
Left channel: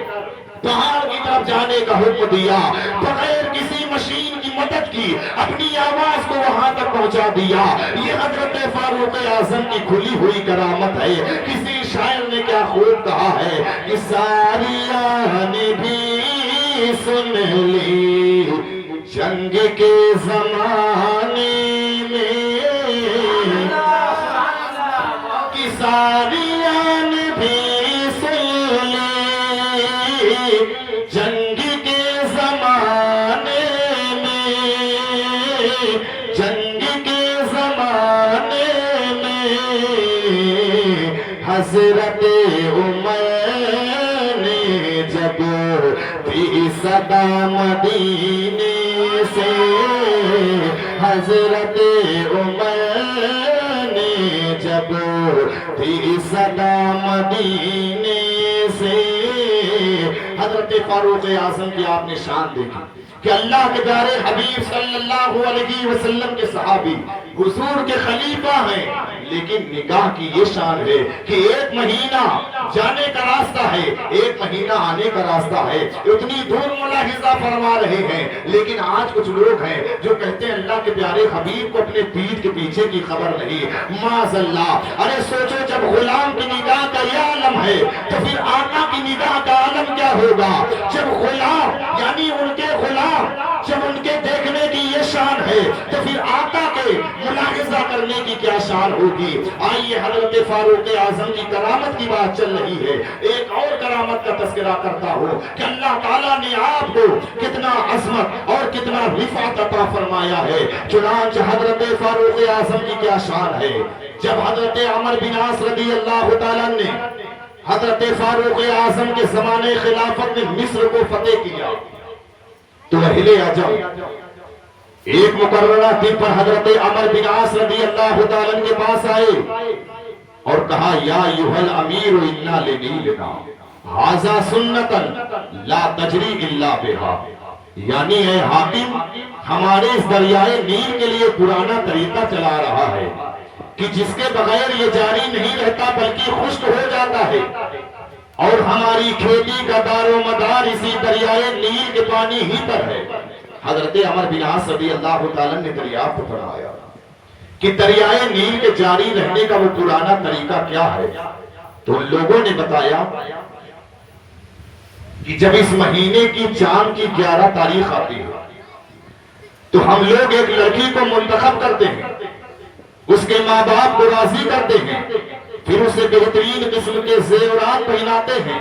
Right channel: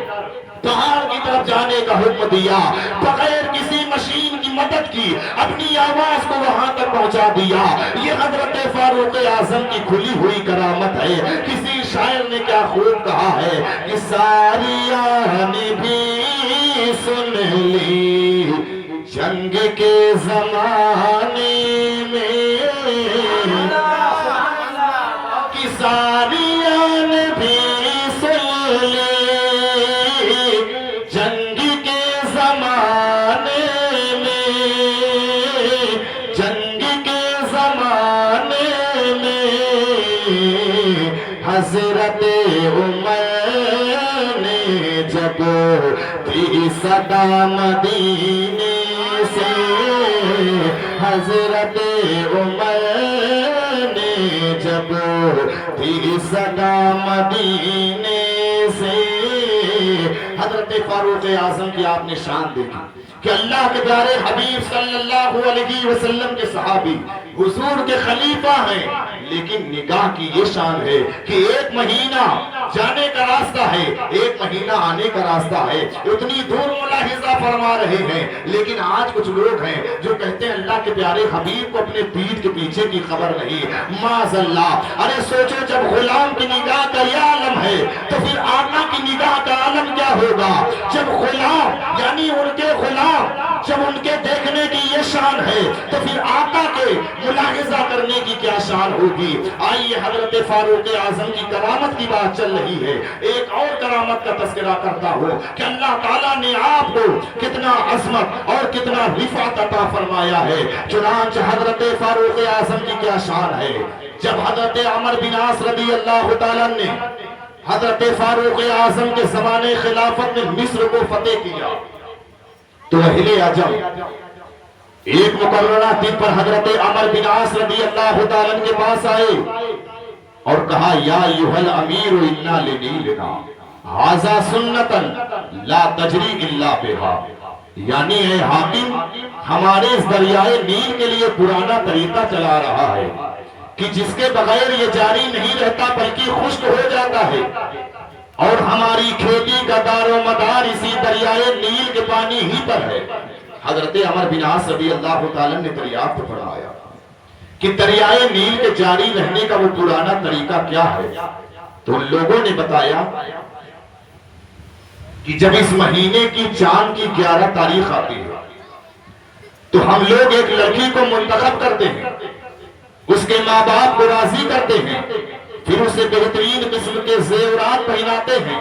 پہاڑ کی طرف جانے کا حکم دیا، بغیر کسی مشین کی مدد کی اپنی آواز کو وہاں تک پہنچا دیا۔ یہ حضرت فاروق اعظم کی کھلی ہوئی کرامت ہے۔ کسی شاعر نے کیا خوب کہا ہے کہ ساریہ نے بھی سن لی جنگ کے زمانے میں، کہ ساریہ نے بھی سن لی جنگ کے زمانے میں، جنگ کے زمانے میں حضرت عمر نے جب دی صدا مدینے سے، حضرت عمر نے جب دی صدا مدینے سے۔ حضرت فاروق اعظم کی آپ نے شان دیکھی کہ اللہ کے پیارے حبیب صلی اللہ علیہ وسلم کے صحابی حضور کے خلیفہ ہیں، لیکن نگاہ کی یہ شان ہے کہ ایک مہینہ جانے کا راستہ ہے، ایک مہینہ آنے کا راستہ ہے، اتنی دور ملاحظہ فرما رہے ہیں۔ لیکن آج کچھ لوگ ہیں جو کہتے ہیں اللہ کے پیارے حبیب کو اپنے پیٹھ کے پیچھے کی خبر نہیں، معاذ اللہ۔ ارے سوچو جب غلام کی نگاہ کا یہ عالم ہے تو پھر آقا کی نگاہ کا عالم کیا ہوگا؟ جب غلام یعنی ان کے غلام جب ان کے دیکھنے کی یہ شان ہے تو پھر آقا کے ملاحظہ کرنے کی کیا شان ہوگی؟ آئیے حضرت فاروق اعظم کی کرامت کی بات چل رہی ہے، ایک اور کرامت کا تذکرہ کرتا ہوں کہ اللہ تعالیٰ نے آپ کو کتنا عظمت اور کتنا رفعت عطا فرمایا ہے۔ چنانچہ حضرت فاروق اعظم کی کیا شان ہے، جب حضرت عمر بن عاص رضی اللہ تعالیٰ نے حضرت فاروق اعظم کے زمانے خلافت میں مصر کو فتح کیا تو اہل عجم ایک مقررہ دن پر حضرت عمر بن عاص رضی اللہ تعالیٰ کے پاس آئے اور کہا یا ایھا الامیر انا لنیلنا ھذا سنتا لا تجری الا بہا، یعنی اے حاکم ہمارے اس دریائے نیل کے لیے پرانا طریقہ چلا رہا ہے کہ جس کے بغیر یہ جاری نہیں رہتا بلکہ خشک ہو جاتا ہے، اور ہماری کھیتی کا دار و مدار اسی دریائے نیل کے پانی ہی پر ہے۔ حضرت عمر بن عاص رضی اللہ تعالیٰ نے دریافت فرمایا کہ دریائے نیل کے جاری رہنے کا وہ پرانا طریقہ کیا ہے؟ تو ان لوگوں نے بتایا کہ جب اس مہینے کی چاند کی 11 تاریخ آتی ہے تو ہم لوگ ایک لڑکی کو منتخب کرتے ہیں، اس کے ماں باپ کو راضی کرتے ہیں، پھر اسے بہترین قسم کے زیورات پہناتے ہیں،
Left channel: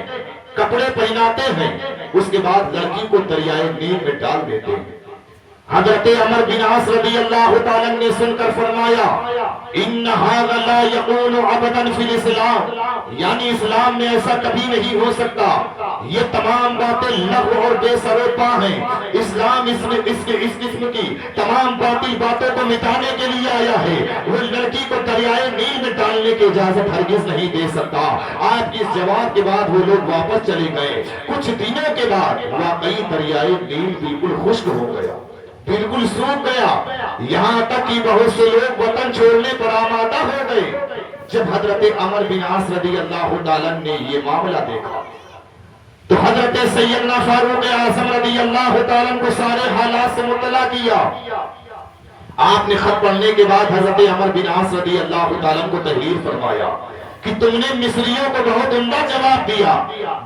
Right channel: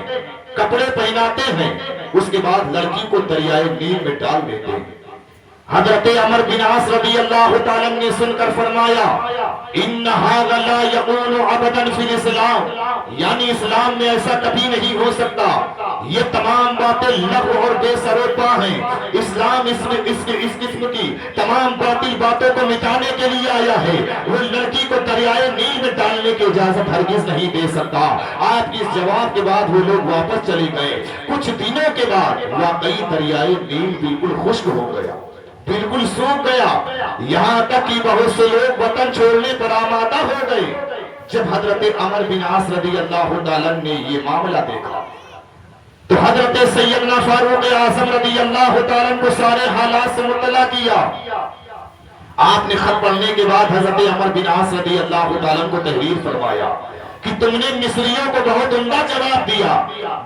کپڑے پہناتے ہیں، اس کے بعد لڑکی کو دریائے نیل میں ڈال دیتے ہیں۔ حضرت عمر بن عاص رضی اللہ تعالیٰ نے سن کر فرمایا ان ھذا لا یکون ابدا فی الاسلام، یعنی اسلام میں ایسا کبھی نہیں ہو سکتا، یہ تمام باتیں لغو اور بے سر و پا ہیں۔ اسلام اس قسم کی تمام باطل باتوں کو مٹانے کے لیے آیا ہے، وہ لڑکی کو دریائے نیل میں ڈالنے کی اجازت ہرگز نہیں دے سکتا۔ آپ کے اس جواب کے بعد وہ لوگ واپس چلے گئے۔ کچھ دنوں کے بعد واقعی دریائے نیل بالکل خشک ہو گیا، بالکل سوکھ گیا، یہاں تک کہ بہت سے لوگ وطن چھوڑنے پر آمادہ ہو گئے۔ جب حضرت عمر بن عاص رضی اللہ تعالیٰ نے یہ معاملہ دیکھا تو حضرت سیدنا فاروق اعظم رضی اللہ تعالیٰ کو سارے حالات سے مطلع کیا۔ آپ نے خط پڑھنے کے بعد حضرت عمر بن عاص رضی اللہ تعالیٰ کو تحریر فرمایا کہ تم نے مصریوں کو بہت عمدہ جواب دیا،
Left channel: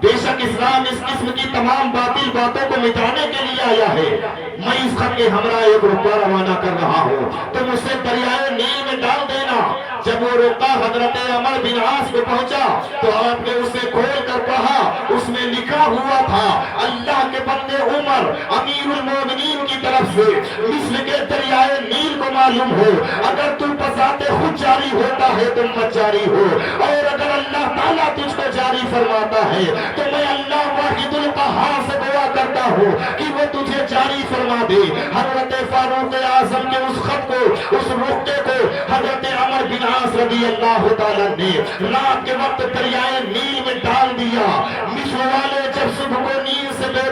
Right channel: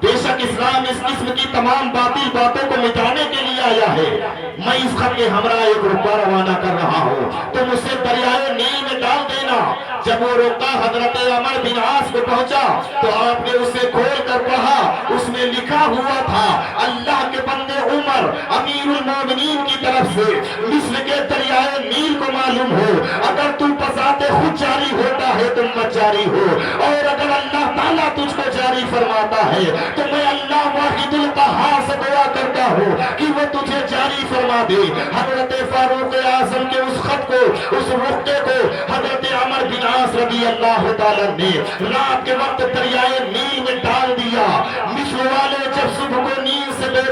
بے شک اسلام اس قسم کی تمام باطل باتوں کو مٹانے کے لیے آیا ہے۔ میں اس خط کے ہمراہ ایک رکا روانہ کر رہا ہوں، تم اسے دریائے نیل میں ڈال دینا۔ جب وہ رکا حضرت عمر بن عاص کو پہنچا تو آپ نے اسے کھول کر پڑھا، اس میں لکھا ہوا تھا اللہ کے بندے عمر امیر المومنین کی طرف سے مصر کے دریائے نیل کو معلوم ہو، اگر تم بذات خود جاری ہوتا ہے تم مت جاری ہو، اور اگر اللہ تعالیٰ تجھ کو جاری فرماتا ہے تو میں اللہ واحد القہار سے دعا کرتا ہوں کہ وہ تجھے جاری فرما دے۔ حضرت فاروق اعظم کے اس خط کو، اس رخے کو حضرت عمر بن عاص رضی اللہ تعالیٰ نے رات کے وقت دریائے نیل میں ڈال دیا۔ مصر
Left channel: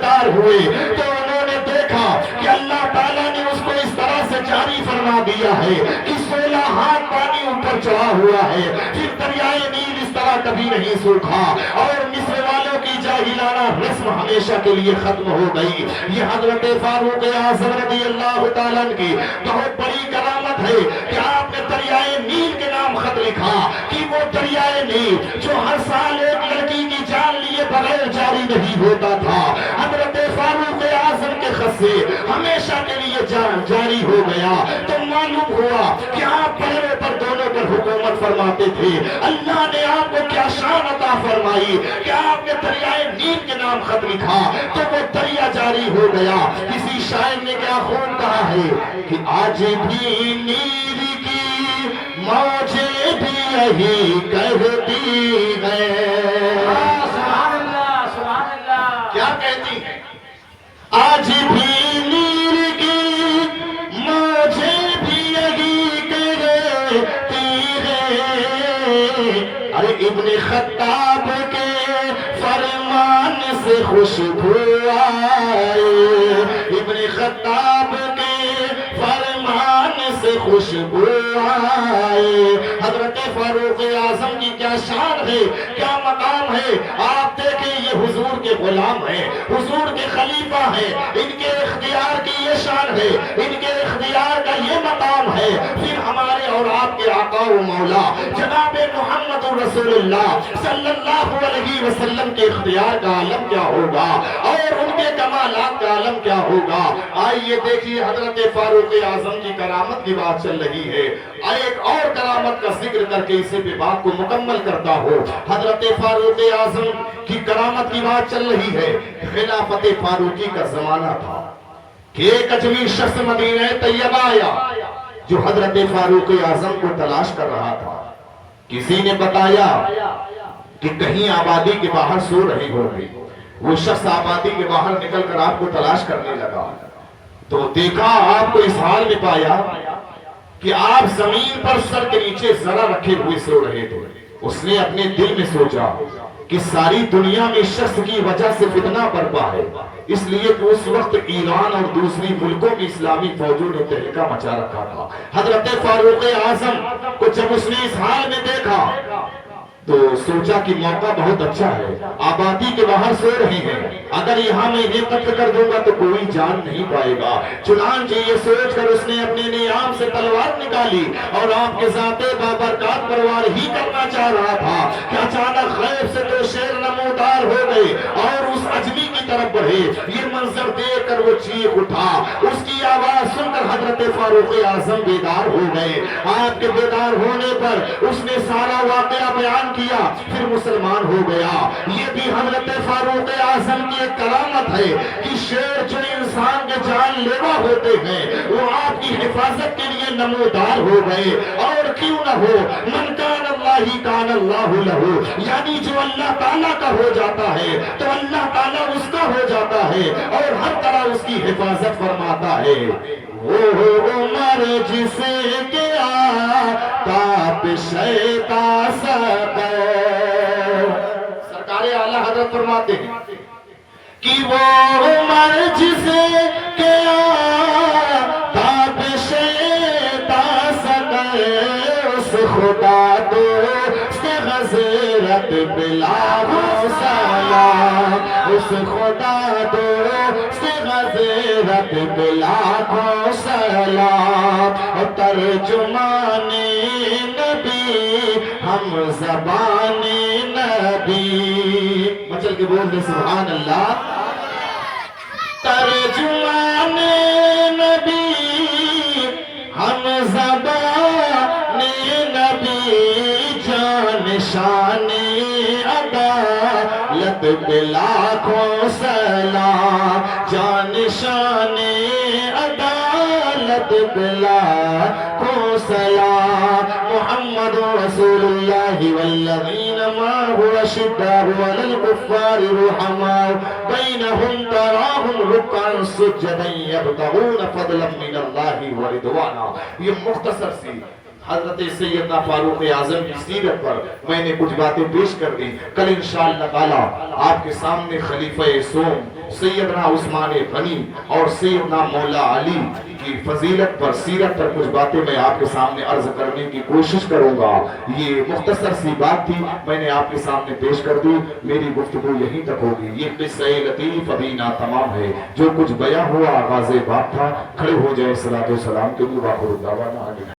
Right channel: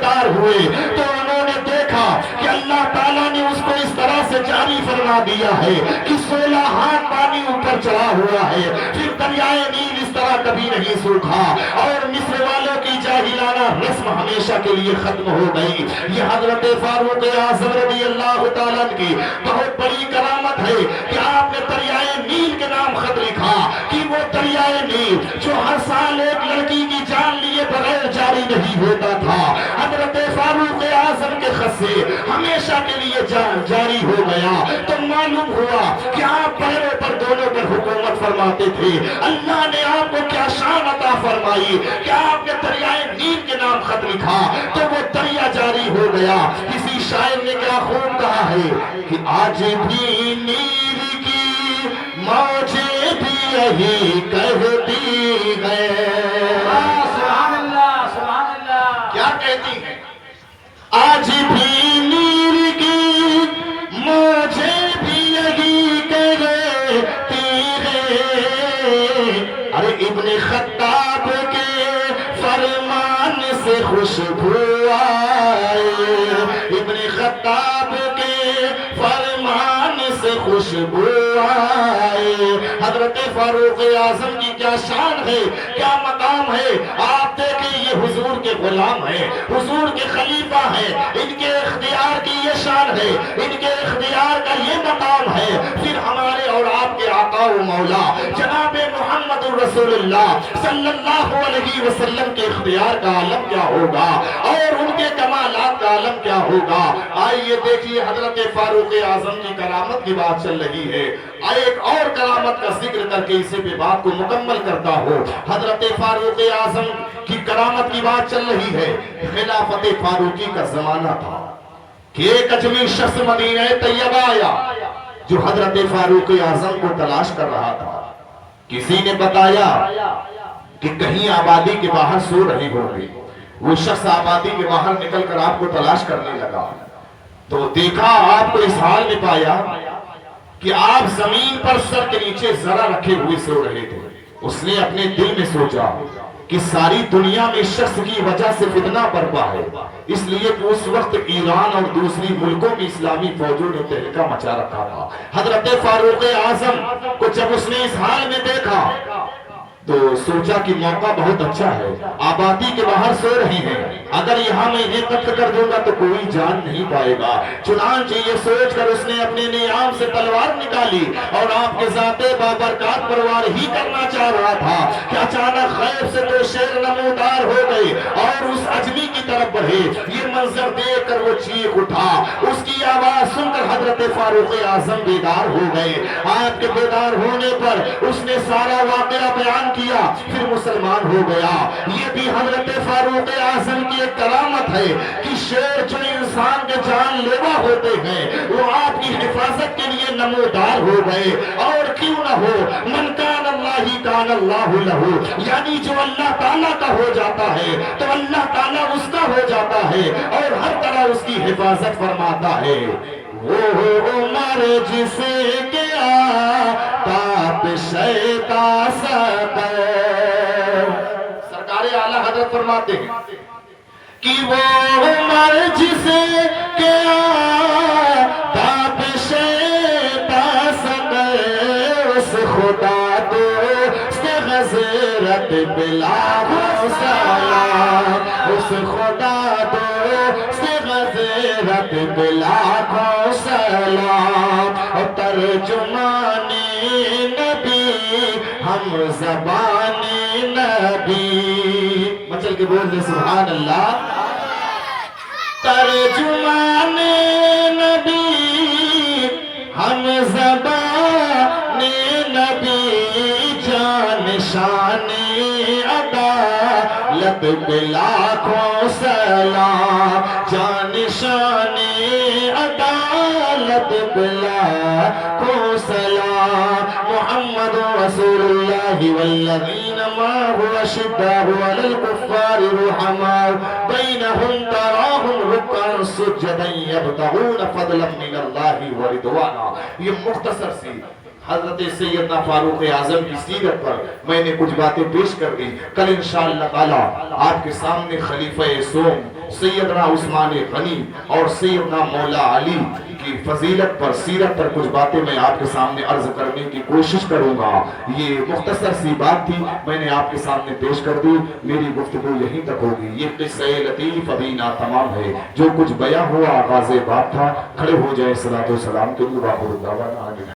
بیدار ہوئے تو انہوں نے دیکھا کہ اللہ تعالیٰ نے اس کو اس طرح سے جاری فرما دیا ہے کہ 16 ہاتھ پانی اوپر چڑھا ہوا ہے، پھر دریائے نیل اس طرح کبھی نہیں سوکھا، اور مصر والوں کی جاہلانہ رسم ہمیشہ کے لیے ختم ہو گئی۔ یہ حضرت فاروق اعظم رضی اللہ تعالیٰ کی بہت بڑی کرامت ہے کہ آپ نے دریائے نیل کے نام خط لکھا کہ وہ دریائے نیل جو ہر سال ایک لڑکی کی جان لیے بغیر جاری نہیں ہوتا تھا، حضرت فاروق اعظم کے خط سے ہمیشہ کے لیے جاری ہو گیا۔ تو معلوم ہوا کہ آپ پہلے پر دونوں پر حکومت فرماتے تھے، اللہ نے آپ کو کیا شان عطا فرمائی کہ آپ نے دریائے نیل کے نام خط لکھا تو وہ دریا جاری ہو گیا۔ کسی شاعر نے کیا خوب کہا ہے کہ آج بھی نیل کی موجیں بھی یہی کہتی ہیں۔ سبحان اللہ، سبحان اللہ۔ کیا کہتی ہیں؟ آج بھی نیل کی موجیں بھی یہی کہتی ہیں۔ ارے ابن خطاب کے فرمان سے خوشبو آئے، ابن خطاب کے فرمان سے خوشبو آئے۔ حضرت فاروق اعظم کی کیا شان ہے، کیا مقام ہے۔ آپ دیکھیں یہ حضور کے غلام ہیں، حضور کے خلیفہ ہیں، ان کے اختیار کی یہ شان ہے، ان کے اختیار کا یہ مقام ہے۔ پھر ہمارے اور آپ کے آقا و مولا جناب محمد رسول اللہ صلی اللہ علیہ وسلم کے اختیار کا عالم کیا ہوگا اور ان کے کمالات کا عالم کیا ہوگا۔ آئیے دیکھیے حضرت فاروق اعظم کی کرامت کی بات چل رہی ہے، ایک اور کرامت کا ذکر کر کے اسے بھی بات کو مکمل کرتا ہو۔ حضرت فاروق اعظم کی کرامت کی بات چل رہی ہے، خلافت فاروقی کا زمانہ تھا کہ ایک اجمی شخص مدینہ طیبہ آیا جو حضرت فاروق اعظم کو تلاش کر رہا تھا۔ کسی نے بتایا کہ کہیں آبادی کے باہر سو رہے ہو گئی۔ وہ شخص آبادی کے باہر نکل کر آپ کو تلاش کرنے لگا تو دیکھا آپ کو اس حال میں پایا کہ آپ زمین پر سر کے نیچے ذرا رکھے ہوئے سو رہے تھے۔ اس نے اپنے دل میں سوچا کہ ساری دنیا میں شخص کی وجہ سے فتنہ برپا ہے، اس لیے کہ اس وقت ایران اور دوسری ملکوں کی اسلامی فوجوں نے تہلکہ مچا رکھا تھا۔ حضرت فاروق اعظم کو جب اس نے اس حال میں دیکھا تو سوچا کہ موقع بہت اچھا ہے، آبادی کے باہر سو رہے ہیں، اگر یہاں میں انہیں قتل کر دوں گا تو کوئی جان نہیں پائے گا۔ چنانچہ یہ سوچ کر اس نے اپنے نیام سے تلوار نکالی اور آپ کے ذات بابرکات پروار ہی کرنا چاہ رہا تھا کہ اچانک غیب سے دو شیر نمودار ہو گئے اور اس اجمی کی طرف بڑھے۔ یہ منظر دیکھ کر وہ چیخ اٹھا، اس کی آواز سن کر حضرت فاروق اعظم بیدار ہو گئے۔ آپ کے بیدار ہونے پر اس نے سارا واقعہ بیان کیا، پھر مسلمان ہو گیا۔ یہ بھی حضرت فاروق اعظم کی ایک کرامت ہے کہ شیر جو انسان کے جان لیوا ہوتے ہیں وہ آپ کی حفاظت کے لیے نمودار ہو گئے۔ اور کیوں نہ ہو، من کان اللہ کان اللہ لہو، یعنی جو اللہ تعالیٰ کا ہو جاتا ہے تو اللہ تعالیٰ اس کا ہو جاتا ہے اور ہر طرح اس کی حفاظت فرماتا ہے۔ وہ عمر جسے گیا تاپ شیطا سقر، سرکار اعلیٰ حضرت فرماتے ہیں کہ وہ عمر جسے گیا تاپ شیطا سقر، اس خدا دوست غزرت بلا سلام، اس خدا دوست غزرت بلا سلام، ترجمان نبی ہم زبان نبی، مچل کے بول دے سبحان اللہ۔ ترجمان نبی ہم زبان نبی، جان شان عدالت پہ لاکھوں سلام، جان شان عدالت پہ لاکھوں سلام۔ محمد رسول اللہ والذین معه اشداء علی الکفار رحماء بینہم تراہم رکعا سجدا یبتغون فضلا من اللہ ورضوانا۔ یہ مختصر سی حضرت سیدنا فاروق اعظم کی سیرت پر میں نے کچھ باتیں پیش کر دی. کل انشاءاللہ تعالی آپ کے سامنے خلیفہ سوم سیدنا عثمان غنی اور سیدنا مولا علی کی فضیلت پر سیرت پر کچھ باتیں میں آپ کے سامنے عرض کرنے کی کوشش کروں گا. یہ مختصر سی بات تھی، میں نے آپ کے سامنے پیش کر دی. میری گفتگو یہیں تک ہوگی. یہ قصہ لطیف ابھی ناتمام ہے. جو کچھ بیان ہوا آغاز بات تھا. کھڑے ہو جائے صلاۃ و سلام کے لیے.